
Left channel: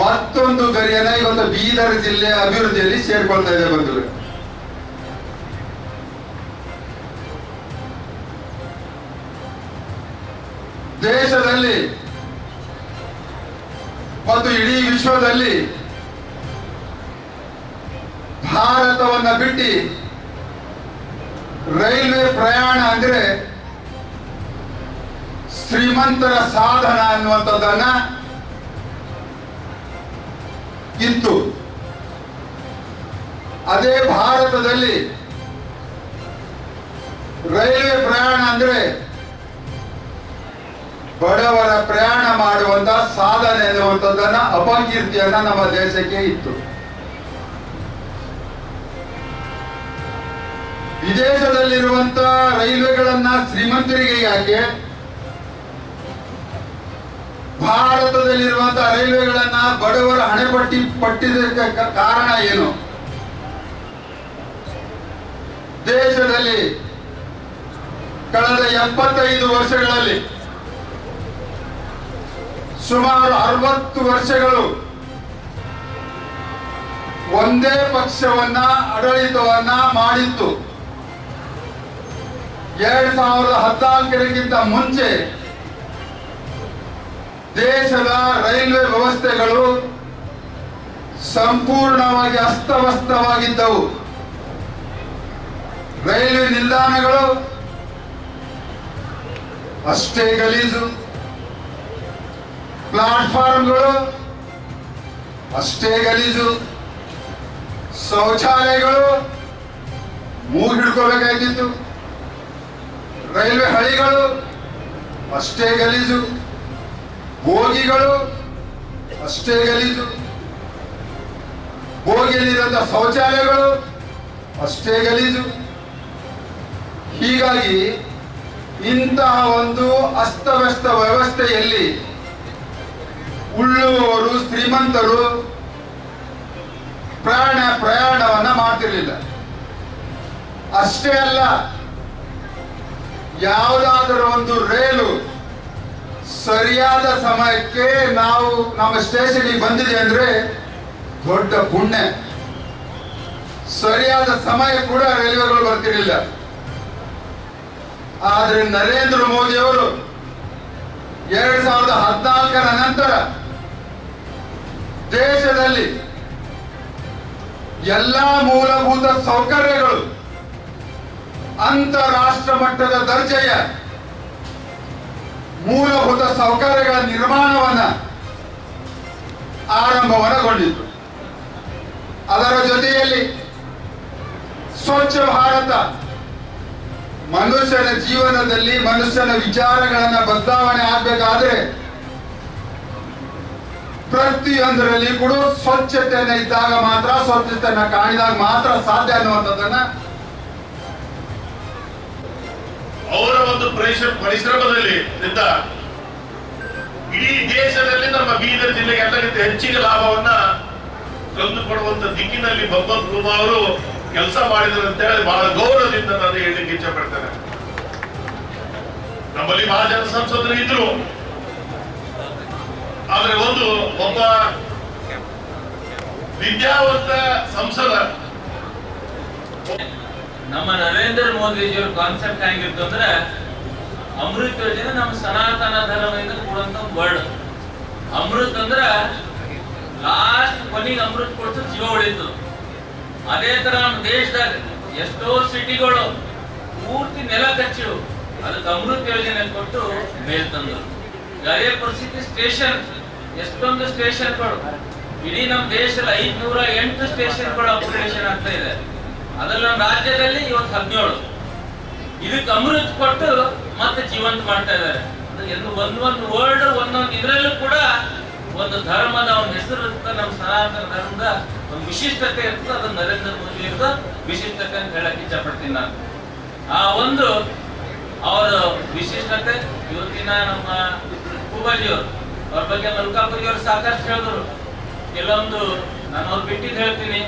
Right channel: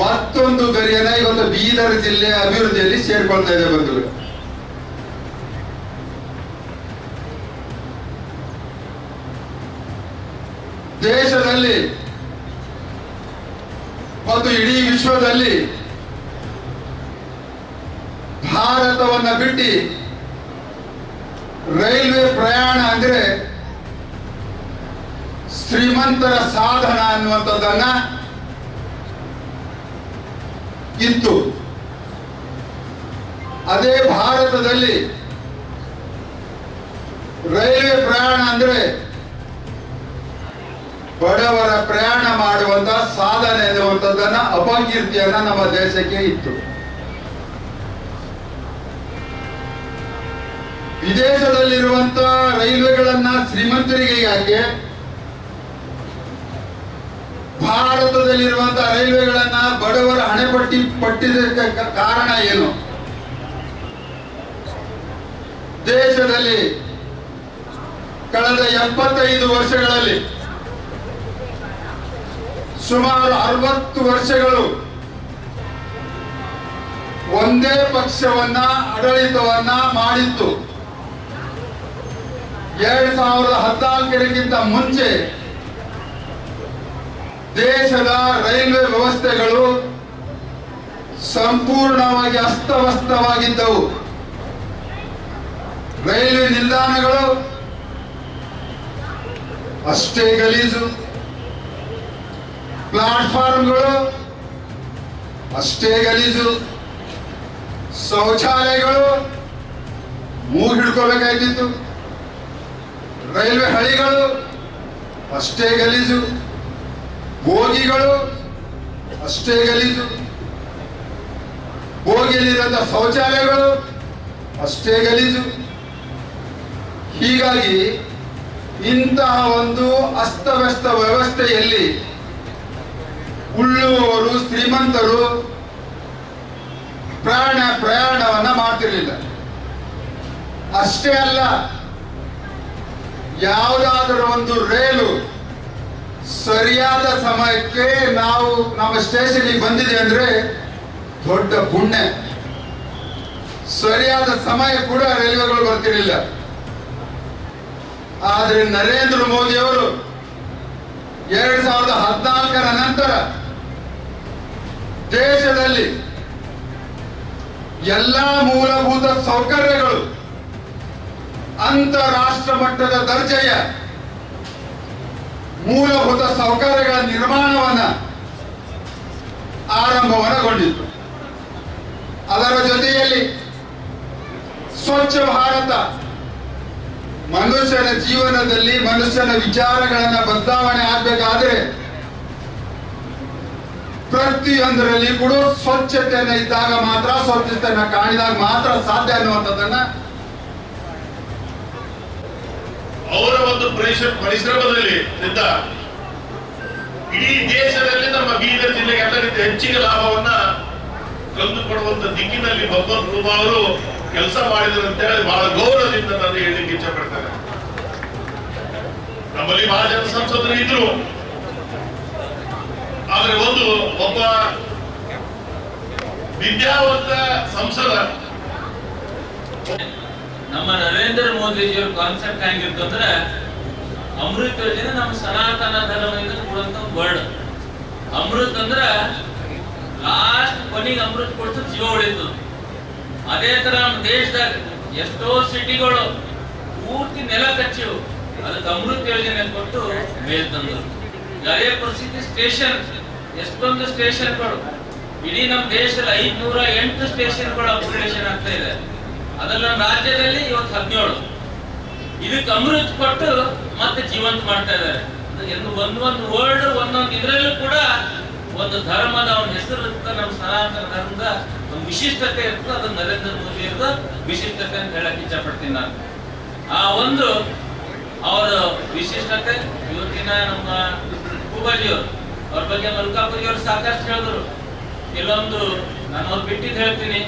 ಮತ್ತೊಂದು ಗರಿಯನ್ನ ಇವತ್ತು ಬೀದರ್ ಜಿಲ್ಲೆಯ ಅಭಿವೃದ್ಧಿಯಲ್ಲಿ ಸೇರ್ಕೊಳ್ತಾ ಇದೆ ಬಂಧುಗಳು. ದೇಶದಲ್ಲಿ ಮತ್ತು ಇಡೀ ವಿಶ್ವದಲ್ಲಿ ಭಾರತವನ್ನ ಬಿಟ್ಟು ರೈಲ್ವೆ ಪ್ರಯಾಣ ಅಂದ್ರೆ ಶ್ರೀಮಂತರ ಸಾಧನ ಅನ್ನುವಂಥದ್ದನ್ನ ಇತ್ತು. ಅದೇ ಭಾರತದಲ್ಲಿ ರೈಲ್ವೆ ಪ್ರಯಾಣ ಅಂದ್ರೆ ಬಡವರ ಪ್ರಯಾಣ ಮಾಡುವಂತ ಸಾಧನೆ ಎನ್ನುವಂಥದ್ದನ್ನ ಅಪಕೀರ್ತಿಯನ್ನ ನಮ್ಮ ದೇಶಕ್ಕೆ ಇತ್ತು. ವಿದೇಶದಲ್ಲಿರುವಂತ ರೈಲ್ವೆಗಳನ್ನ ಶ್ರೀಮಂತರಿಗೆ ಯಾಕೆ, ಭಾರತದಲ್ಲಿರುವಂತಹ ರೈಲ್ವೆಗಳನ್ನ ಬಡವರ ಪಟ್ಟಿದ್ದಕ್ಕೆ ಕಾರಣ ಏನು? ದೇಶದಲ್ಲಿ ಕಳೆದ 75 ವರ್ಷಗಳಲ್ಲಿ ಸುಮಾರು 60 ವರ್ಷಗಳು ಒಂದೇ ಪಕ್ಷವನ್ನ ಆಡಳಿತವನ್ನ ಮಾಡಿತ್ತು. 2014ಕ್ಕಿಂತ ಮುಂಚೆ ದೇಶದ ರೈಲ್ವೆ ವ್ಯವಸ್ಥೆಗಳು ಸಂಪೂರ್ಣವಾಗಿ ಅಸ್ತವ್ಯಸ್ತವಾಗಿದ್ದವು. ರೈಲ್ವೆ ನಿಲ್ದಾಣಗಳು ಅಷ್ಟೇ ಗಲೀಜು, ಪ್ಲಾಟ್ಫಾರ್ಮ್ಗಳು ಅಷ್ಟೇ ಗಲೀಜು, ಶೌಚಾಲಯಗಳು ಮೂಗಿಡ್ಕೋಬೇಕಾಗಿತ್ತು, ರೈಲ್ವೆ ಹಳಿಗಳು ಅಷ್ಟೇ ಗಲೀಜು, ಬೋಗಿಗಳು ಅಷ್ಟೇ ಗಲೀಜು, ಬೋಗಿಯಲ್ಲಿರುವಂತಹ ಶೌಚಾಲಯಗಳು ಅಷ್ಟೇ ಗಲೀಜು. ಹೀಗಾಗಿ ಇಂತಹ ಒಂದು ಅಸ್ತವ್ಯಸ್ತ ವ್ಯವಸ್ಥೆಯಲ್ಲಿ ಉಳ್ಳುವವರು ಶ್ರೀಮಂತರು ಪ್ರಯಾಣವನ್ನ ಮಾಡ್ತಿರ್ಲಿಲ್ಲ. ಅಷ್ಟೇ ಅಲ್ಲ, ಯಾವುದಾದರೂ ಒಂದು ರೈಲು ಸರಿಯಾದ ಸಮಯಕ್ಕೆ ನಾವು ನಮ್ಮ ಸ್ಟೇಷನ್ಗೆ ಬಂದಿದೆ ಅಂದ್ರೆ ದೊಡ್ಡ ಪುಣ್ಯ. ಸರಿಯಾದ ಸಮಯ ಕೂಡ ರೈಲ್ವೆಗಳು ಬರ್ತಿರ್ಲಿಲ್ಲ. ಆದ್ರೆ ನರೇಂದ್ರ ಮೋದಿ ಅವರು 2014ರ ನಂತರ ದೇಶದಲ್ಲಿ ಎಲ್ಲ ಮೂಲಭೂತ ಸೌಕರ್ಯಗಳು ಅಂತಾರಾಷ್ಟ್ರ ಮಟ್ಟದ ದರ್ಜೆಯ ಮೂಲಭೂತ ಸೌಕರ್ಯಗಳ ನಿರ್ಮಾಣವನ್ನ ಆರಂಭವನ್ನಗೊಂಡಿತು. ಅದರ ಜೊತೆಯಲ್ಲಿ ಸ್ವಚ್ಛ ಭಾರತ, ಮನುಷ್ಯನ ಜೀವನದಲ್ಲಿ ಮನುಷ್ಯನ ವಿಚಾರಗಳನ್ನ ಬದಲಾವಣೆ ಆಗಬೇಕಾದ್ರೆ ಪ್ರತಿಯೊಂದರಲ್ಲಿ ಕೂಡ ಸ್ವಚ್ಛತೆಯನ್ನ ಇದ್ದಾಗ ಮಾತ್ರ, ಸ್ವಚ್ಛತೆಯನ್ನ ಕಾಣಿದಾಗ ಮಾತ್ರ ಸಾಧ್ಯ ಅನ್ನುವಂಥದ್ದನ್ನ ಅವರ ಒಂದು ಪರಿಶ್ರಮದಲ್ಲಿ ಇಡೀ ದೇಶದಲ್ಲಿ ನಮ್ಮ ಬೀದರ್ ಜಿಲ್ಲೆಗೆ ಎಲ್ಲರಿಗಿಂತ ಹೆಚ್ಚಿನ ಲಾಭವನ್ನ ತಂದುಕೊಡುವಂತ ದಿಕ್ಕಿನಲ್ಲಿ ಬಬ್ಬಲ್ ಕುರ್ಮಾ ಅವರು ಕೆಲಸ ಮಾಡಿದ್ರು ಅಂತ ಹೇಳಿ ಬಹಳ ಗೌರವದಿಂದ ನಾನು ಹೇಳಲಿಕ್ಕೆ ಇಚ್ಛೆ ಪಡ್ತೇನೆ. ನಮ್ಮಲ್ಲಿ ಬಹಳ ಜನ ಸಂಸದರು ಇದ್ರು, ಆದ್ರೆ ಒಬ್ಬ ವಿದ್ಯಾವಂತ ಸಂಸದ ನಮ್ಮ ನರೇಂದ್ರ ಮೋದಿಜಿಯವರ ಕಾನ್ಸೆಪ್ಟ್ ಹೆಂಗಿತ್ತು ಅಂದ್ರೆ ಅಮೃತ್ ಯೋಜನೆ ನಮ್ಮ ಸನಾತನ ಧರ್ಮದಿಂದ ಕೊಡುವಂತ ವರ್ಡ್. ಅಮೃತ್ ಅಂದ್ರ ಲಾಸ್ಟ್ ಕೊನೆಗೆ ಅಮೃತ್ ಕೊಡ್ತು ಜೀವ ಉಳಿತು. ಅದೇ ತರ ನಮ್ಮ ದೇಶದಾಗ ಎಷ್ಟೋ ಸಿಟಿಗಳು ಪೂರ್ತಿ ನೆಲ ಕಚ್ಚಿವು, ಅದಕ್ಕೆ ಅಮೃತ್ ಯೋಜನೆ ಕೊಟ್ಟು ಮೇಲ್ ತಂದ್ರು. ಅದೇ ಪರಿಸ್ಥಿತಿ ಸ್ಟೇಷನ್, ಎಷ್ಟೊಂದು ಸ್ಟೇಷನ್ಗಳು ಇಡೀ ನಮ್ಮ ದೇಶದಲ್ಲಿ 508 ಸ್ಟೇಷನ್ಗಳು ಅಪ್ಗ್ರೇಡೇಷನ್ ಆಗ್ತಾ ಇದೆ. ಅದ್ರಲ್ಲಿ ನಮ್ಮ ರಾಜ್ಯದಲ್ಲಿ ಇವತ್ತು 17. ಇದಕ್ಕೆ ಅಮೃತ್ ಕೊಟ್ಟು ಮತ್ತೆ ಜೀವಂತ ಮಾಡ್ತಾ ಇದ್ದಾರೆ. ಒಂದೊಂದು ವರ್ಡ್ ಒಂದೊಂದು ಇದರಲ್ಲೂ ಕೂಡ ಒಂದು ಧರ್ಮದ ಒಂದು ಹೆಸರು ಇರುತ್ತೆ. ನಮ್ಮ ಸನಾತನ ಧರ್ಮದ ಒಂದು ವಿಶಿಷ್ಟತೆ ಇರ್ತದೆ. ಅದು ನರೇಂದ್ರ ಮೋದಿ ಇರೋದು ವಿಶಿಷ್ಟತೆ ಅಂತ ಹೇಳಕ್ ಇಚ್ಛಪಡ್ತೀನಿ ನಾನು. ಆ ಒಂದು ಅವರ ವಿಶಿಷ್ಟತೆ ಇವತ್ತಿನ ನಮ್ಮ ಪೂಬಾಜಿಯವರು ಅವ್ರ ಬಗ್ಗೆ ಮಲ್ಕಾಪುರಿಯವರು ಸಾಕಷ್ಟು ಹೇಳಿದ್ರು. ಕೆಲವೊಂದು ನಾನು ಅವ್ರು ಬಿಟ್ಟಿದ್ದು ಹೇಳ್ತೀನಿ.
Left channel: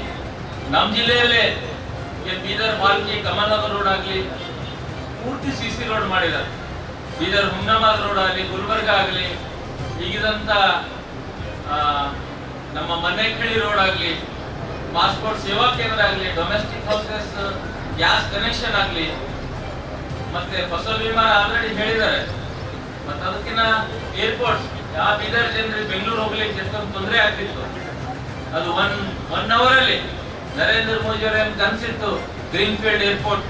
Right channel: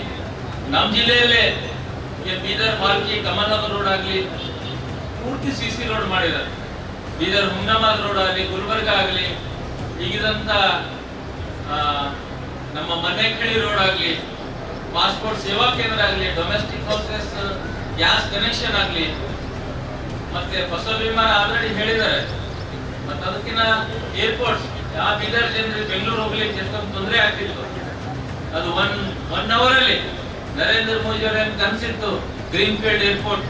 ನಮ್ಮ ಜಿಲ್ಲೆಯಲ್ಲೇ ಬೀದರ್ ಬಾಲ್ಕಿ ಕಮಲ್ನಗರ್ ರೋಡ್ ಆಗಲಿ ಪೂರ್ತಿ CC ರೋಡ್ ಮಾಡಿದ್ದಾರೆ. ಬೀದರ್ ಹುಮ್ನಾಬಾದ್ ರೋಡ್ ಆಗಲಿ, ಗುಲ್ಬರ್ಗ ಆಗಲಿ, ಈಗಿದಂತ ನಮ್ಮ ಮನೆಕಳಿ ರೋಡ್ ಆಗಲಿ, ಪಾಸ್ಪೋರ್ಟ್ ಸೇವಾ ಕೇಂದ್ರ ಆಗಲಿ, ಡೊಮೆಸ್ಟಿಕ್ ಹೌಸಸ್ ಗ್ಯಾಸ್ ಕನೆಕ್ಷನ್ ಆಗಲಿ, ಮತ್ತೆ ಫಸಲ್ ವಿಮಾನ ಆಲ್ರೆಡಿ ಹೇಳಿದ್ದಾರೆ. ಮತ್ತೆ ಅದಕ್ಕಿಂತ ಏರ್ಪೋರ್ಟ್ಸ್ ಯಾವ ಬೀದರ್ ಜನರಿಗೆ ಬೆಂಗಳೂರು ಹೋಗ್ಲಿಕ್ಕೆ ಎಷ್ಟೊಂದು ತೊಂದರೆ ಆಗ್ತಿತ್ತು. ಅದು ಒನ್ ಅವರ್ ಅಲ್ಲಿ ನರೇಂದ್ರ ಮೋದಿ ಅವರ ಕನಸಿತ್ತು ಗ್ರೀನ್ ಫೀಲ್ಡ್ ಏರ್ಪೋರ್ಟ್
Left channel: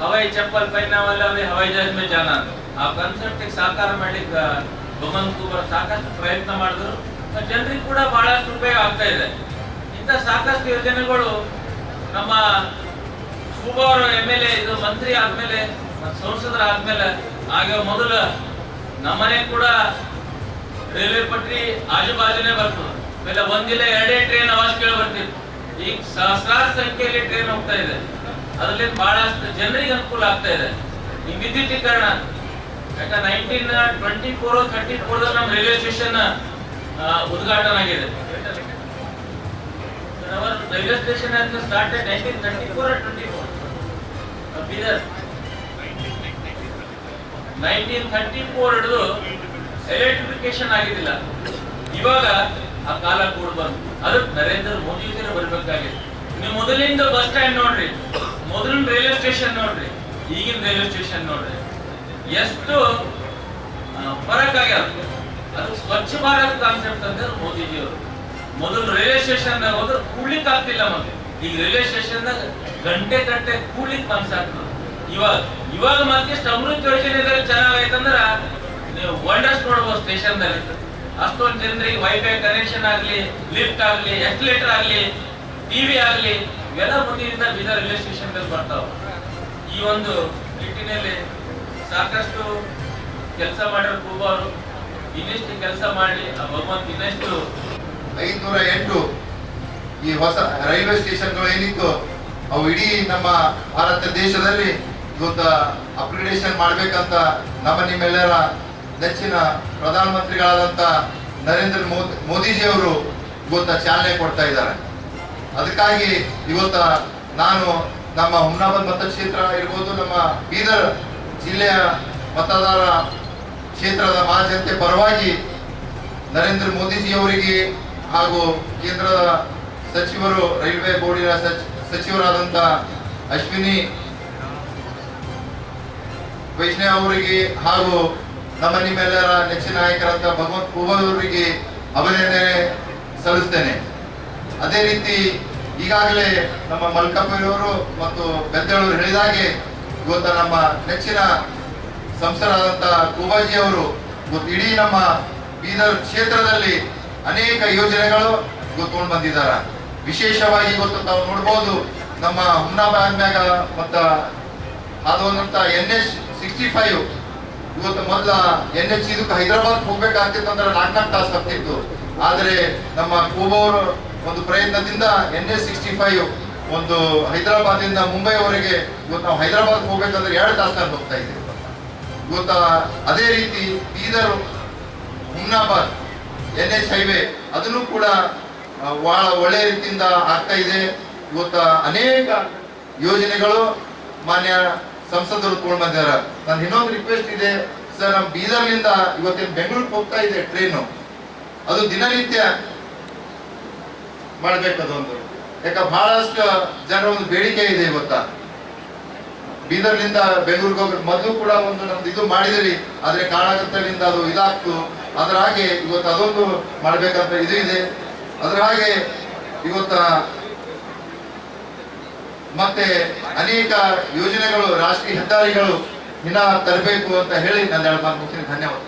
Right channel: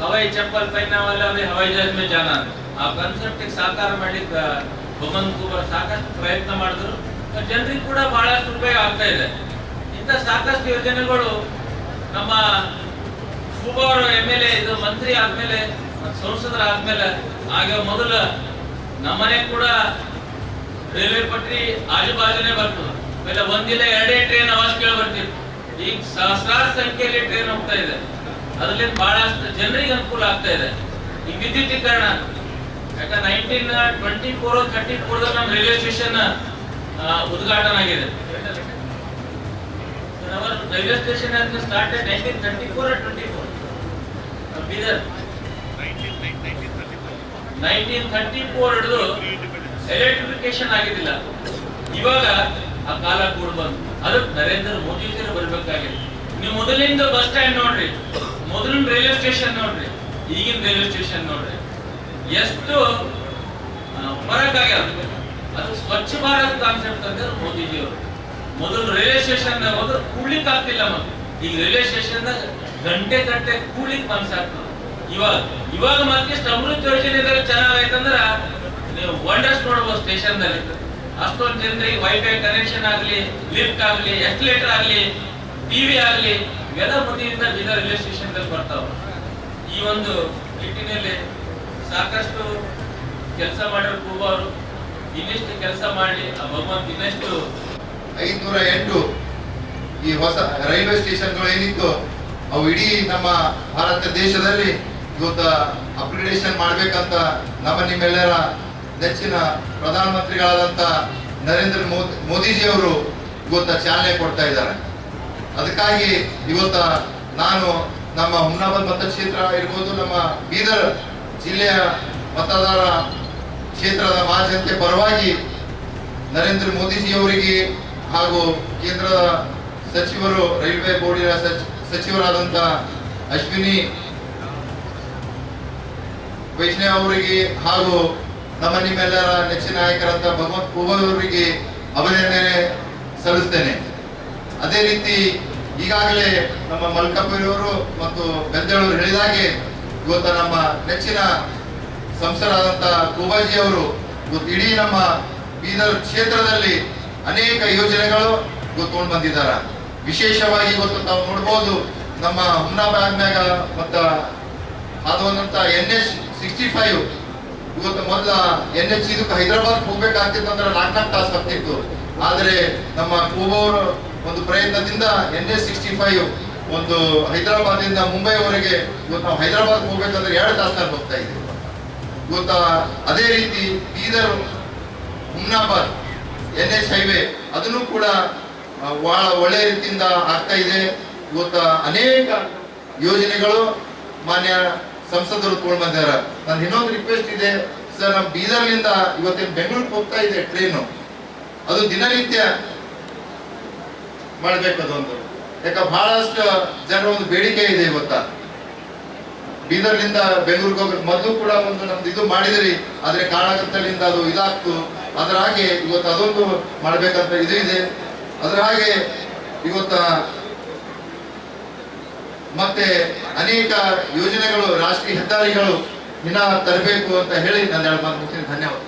हवाई चप्पल पहनने वाला भी हवाई जहाज में जाना आ ಕಾನ್ಸೆಪ್ಟ್ ಸಾಕಾರ ಮಾಡಲಿಕ್ಕೆ ಭಗವಂತ ಕುಮಾರ್ ಸಾಕಷ್ಟು ಪ್ರಯತ್ನ ಮಾಡಿದ್ರು. ಜನರಿಗೆ ಕೂಡ ಬಹಳಷ್ಟು ಉಪಯೋಗ ಆಗ್ತಾ ಇದೆ. ಇಂಥ ಸಾಕಷ್ಟು ಯೋಜನೆಗಳು ನಮ್ಮ ಕುಮಾರ್ MLA ಇದು ಮಂತ್ರಿ ಆದ್ಮೇಲೆ ಸಂಸದರ ಆದ್ಮೇಲೆ ಆಗ ಮೊದಲ ನಮ್ಮನೆ ಕೂಡ ರೈಲ್ವೆ ಪಟ್ರಿ ಆಜು ಬಾಜುನೇ ಬರ್ತದೆ. ಆಮೇಲೆ ಒಂದಿಲ್ಲ ಎರಡೇ ಟ್ರೈನ್ ಅವಾಜ್ ಕೇಳಿ ಬರ್ತಿತ್ತು. ಈಗ ಸಹಸ್ರಾರು ಸಂಖ್ಯೆಯಲ್ಲಿ ಟ್ರೈನ್ ಹೋಗ್ತಾ ಇದೆ. ಅದರಲ್ಲಿ ಬಹಳಷ್ಟು ಜನರಿಗೆ ಅನುಕೂಲ ಆಗ್ತಾ ಇದೆ. ಈ ವಿದ್ಯುದೀಕರಣ ಯಾಕಂದ್ರೆ 1924-34 ನಮ್ಮ ರೈಲ್ವೆ ಸ್ಟೇಷನ್ ಉದ್ಘಾಟನೆ ಆಗಿದೆ. Railway station started 1934 or 24 Bidar 1934 ಹಿಡಿದು ಎಲೆಕ್ಟ್ರಿಫಿಕೇಶನ್ ಆಗಿದ್ದಿಲ್ಲ. ಇವಾಗ ಆ ಕಾಲ ಕೂಡ ಬಂತು. ಅದಕ್ಕೆ ನರೇಂದ್ರ ಮೋದಿ ಅವರು ಬರ್ಬೇಕಾಗಿದೆ. ನೀವು ಮೊದಲಿಂದ ಬಸ್ ಸ್ಟ್ಯಾಂಡ್ ನೋಡ್ರಿ, ಮೊದಲಿನ ರೈಲ್ವೆ ಸ್ಟೇಷನ್ ನೋಡ್ರಿ, ಈಗಿನ ರೈಲ್ವೆ ಸ್ಟೇಷನ್ ನೋಡ್ರಿ, ಎಷ್ಟು ಫರಕ್ ಆಗ್ಯಾವ. ಅದು ಸ್ವಚ್ಛ ಭಾರತ್ ಕಾನ್ಸೆಪ್ಟ್ ಅಂತ ಮೋದಿಜಿ ಅವರು ಮೊದಲು ರೈಲ್ವೆ ಸ್ಟೇಷನ್ ಹೋದ್ರೆ ಕೂಡ್ಲಿಕ್ಕೆ ಆಗ್ತಿಲ್ಲ. ಮತ್ತೆ ಈಗ ರೈಲ್ವೆ ಸ್ಟೇಷನ್ ಗಂಟೆ ಕೂಡ್ಲಿಕ್ಕೆ ಮನ್ಸಾಗ್ತದೆ. ಇವಾಗ ಮತ್ತೆ ಅಮೃತ್ ಯೋಜನೆದಲ್ಲಿ ಚೆನ್ನಾಗೈತಂದ್ರ ನೀವು ವಂಡರ್ಸ್ ನೋಡ್ಬೋದು ಸ್ಟೇಷನ್ ದಲ್ಲಿ. ಅಷ್ಟೊಂದು ಜನರಿಗೆ ವೈಫೈ ಕನೆಕ್ಷನ್ ಆಗ್ಲಿ, ಲಿಫ್ಟ್ ಆಗ್ಲಿ, ಎಸ್ಕಲೇಟರ್ ಆಗ್ಲಿ, ಟಿವಿ ಆಗ್ಲಿ, ಇವೆಲ್ಲ ಮುಂದಿನಿಂದ ಬೀದರ್ ರೈಲ್ವೆ ಸ್ಟೇಷನ್ ದಲ್ಲಿ ಬರ್ತಾವ. ಈ ಒಂದು ನಿಟ್ಟಿನಲ್ಲಿ ಸಾಕಷ್ಟು ಕೆಲಸ ಮಾಡಿರೋ ಕೂಬಾರು ಇನ್ನಿಷ್ಟು ಕೆಲಸ ಮಾಡಿ ಆ ಭಗವಂತ ಇನ್ನಷ್ಟು 508 ಈ ಹೊಸ ರೈಲ್ವೆ ಸ್ಟೇಷನ್ಗಳು ಏನಿತ್ತು ಅವು ಇಡೀ ನಮ್ಮ ಭಾರತ ದೇಶದಲ್ಲಿ ಇವತ್ತು ಅಪ್ಗ್ರೇಡೇಷನ್ ಮಾಡ್ಬೇಕಂತ ನಮ್ಮ ನಿಮ್ಮೆಲ್ಲರ ನೆಚ್ಚಿನ ಪ್ರಧಾನಮಂತ್ರಿಗಳಾದಂತ ನರೇಂದ್ರ ಮೋದಿಜಿ ಅವರು ಇವತ್ತು ಚಾಲನೆ ಕೊಡ್ತಾ ಇದ್ದಾರೆ. ಅದಕ್ಕಾಗಿ ಇವತ್ತು ನಾನು ನಮ್ಮ ಹುಮ್ನಾಬಾದ್ ಮತಕ್ಷೇತ್ರ ಇರ್ಬೋದು, ನಮ್ಮ ಬೀದರ್ ಜಿಲ್ಲೆಯ ಮತದಾರ ಕ್ಷೇತ್ರದ ಮಹಾಜನತೆ ಪರವಾಗಿ ನರೇಂದ್ರ ಮೋದಿಜಿ ಅವರಿಗೆ ಹಾಗೂ ಕೇಂದ್ರದ ಸಚಿವರು, ರೈಲ್ವೆ ಬೋರ್ಡಿನ ಸಚಿವರಾದಂಥ ಅಶ್ವಿನಿ ವೈಷ್ಣವ್ ಅವರಿಗೆ ಹಾಗೂ ನಮ್ಮ ನಿಮ್ಮೆಲ್ಲರ ನೆಚ್ಚಿನ ನಾಯಕರಂತ ಭಗವಂತ ಖೂಬಾ ಅವರಿಗೆ ಅಭಿನಂದನೆ ಸಲ್ಲಿಸ್ತೇನೆ. ಅದೇ ರೀತಿ ಈಗಾಗಲೇ ನಮ್ಮ ಮಲ್ಕಾಪುರಿಯವರು ಮತ್ತು ಗದ್ದೆಯವರು ಹೇಳಿದಾಗೆ ಇವತ್ತು ನಮ್ಮ ನೆಚ್ಚಿನ ಸಂಸದರಾದಂಥ ಖೂಬಾಜಿ ಅವರು ಇವತ್ತು ಇಡೀ ನಮ್ಮ ಬೀದರ್ ಕ್ಷೇತ್ರದಲ್ಲಿ ಅನೇಕ ಯೋಜನೆಗಳು ಇವತ್ತು ಬಂದಿದ್ದಾರೆ. ವಿಶೇಷವಾಗಿ ಇವತ್ತು ತಾವು ನೋಡ್ಬೋದು ನಮ್ಮ ಹುಮ್ನಾಬಾದ್ನಾಗ ಮತ್ತು ಹಾದುವಂತ NH65 ಇವತ್ತು ಮೊದಲ NH ಇದಕ್ಕೆ ಹೈದರಾಬಾದ್ ಹೋಗ್ಬೇಕಾಗ್ತಿತ್ತು ಅಂದ್ರೆ 4 ತಾಸು ಆಗ್ತಿತ್ತು. ಆದರೆ ನಮ್ಮ ಖೂಬಾವರು ಒಂದು ಪ್ರಯತ್ನದಿಂದ NH65 ಒಂದು ಹೈದರಾಬಾದಿಂದ ಮುಂಬೈವರೆಗೆ ಇವತ್ತು ನಾವು ಹೈದರಾಬಾದ್ ಹೋಗ್ಬೇಕಂದ್ರೆ 2 ತಾಸಲ್ಲಿ ಹೋಗ್ತಾ ಇದ್ದೀವಿ. ಇವತ್ತು ಅದೇ ರೀತಿ ಬೀದರ್ ಹುಮ್ನಾಬಾದ್ NH ಹೈವೇ ಅದನ್ನು ಕೂಡ ಬಹಳ ಒಳ್ಳೆಯ ರೀತಿಯಿಂದ ಆಗ್ತಾ ಇದೆ. ಇವತ್ತು ಅನೇಕ ಯೋಜನೆಗಳು ಮಾನ್ಯ ಸಂಸದರು ತಗೊಂಡು ಬಂದಿದ್ದಾರೆ. ನನ್ನ ಇನ್ನೊಂದು ರಿಕ್ವೆಸ್ಟ್ ಇದೆ ಸರ್, ನಮ್ಮ ಬೀದರ್ನಿಂದ ಇವತ್ತಿನ ಬೆಂಗಳೂರಿಗೆ ಹೋಗ್ತಾ ಇದೆ ಟ್ರೈನು, ಅದು ದಿನನಿತ್ಯ ಮಾಡ್ಬೇಕು ಅದೊಂದು. ಯಾಕೆ ಬಹಳಷ್ಟು ಜನರ ಒಂದು ಬೇಡಿಕೆ ಇದೆ ಇವತ್ತ ಬೀದರ್ನಿಂದ ಬೆಂಗಳೂರಿಗೆ ಹೋಗ್ಬೇಕು. ಮೊದಲು ಕೂಡ ಒಂದು ನಮ್ದು ಇದು ಮಾಡಿದಿರಿ, ಆದ್ರೆ ಕಾರಣಕರ್ತರಿಂದ ಅದು ಇದಾಗ್ತು. ಅದರ ಹಾಗೆ ಇವತ್ತು ಅದೊಂದು ಮಾಡ್ಬೇಕಂತ ಇದು ಇದೆ. ಅದರ ಹಾಗೆ ಇವತ್ತ ಮತ್ತೆ ಅನೇಕ ಯೋಜನೆಗಳು, ರಾಷ್ಟ್ರೀಯ ಹೆದ್ದಾರಿಗಳು ಇನ್ನ ತರಬೇಕು ಅಂತ ಹೇಳಿ ನಾನು 2 ಮಾತು ಮುಗಿಸ್ತೀನಿ. ಧನ್ಯವಾದ.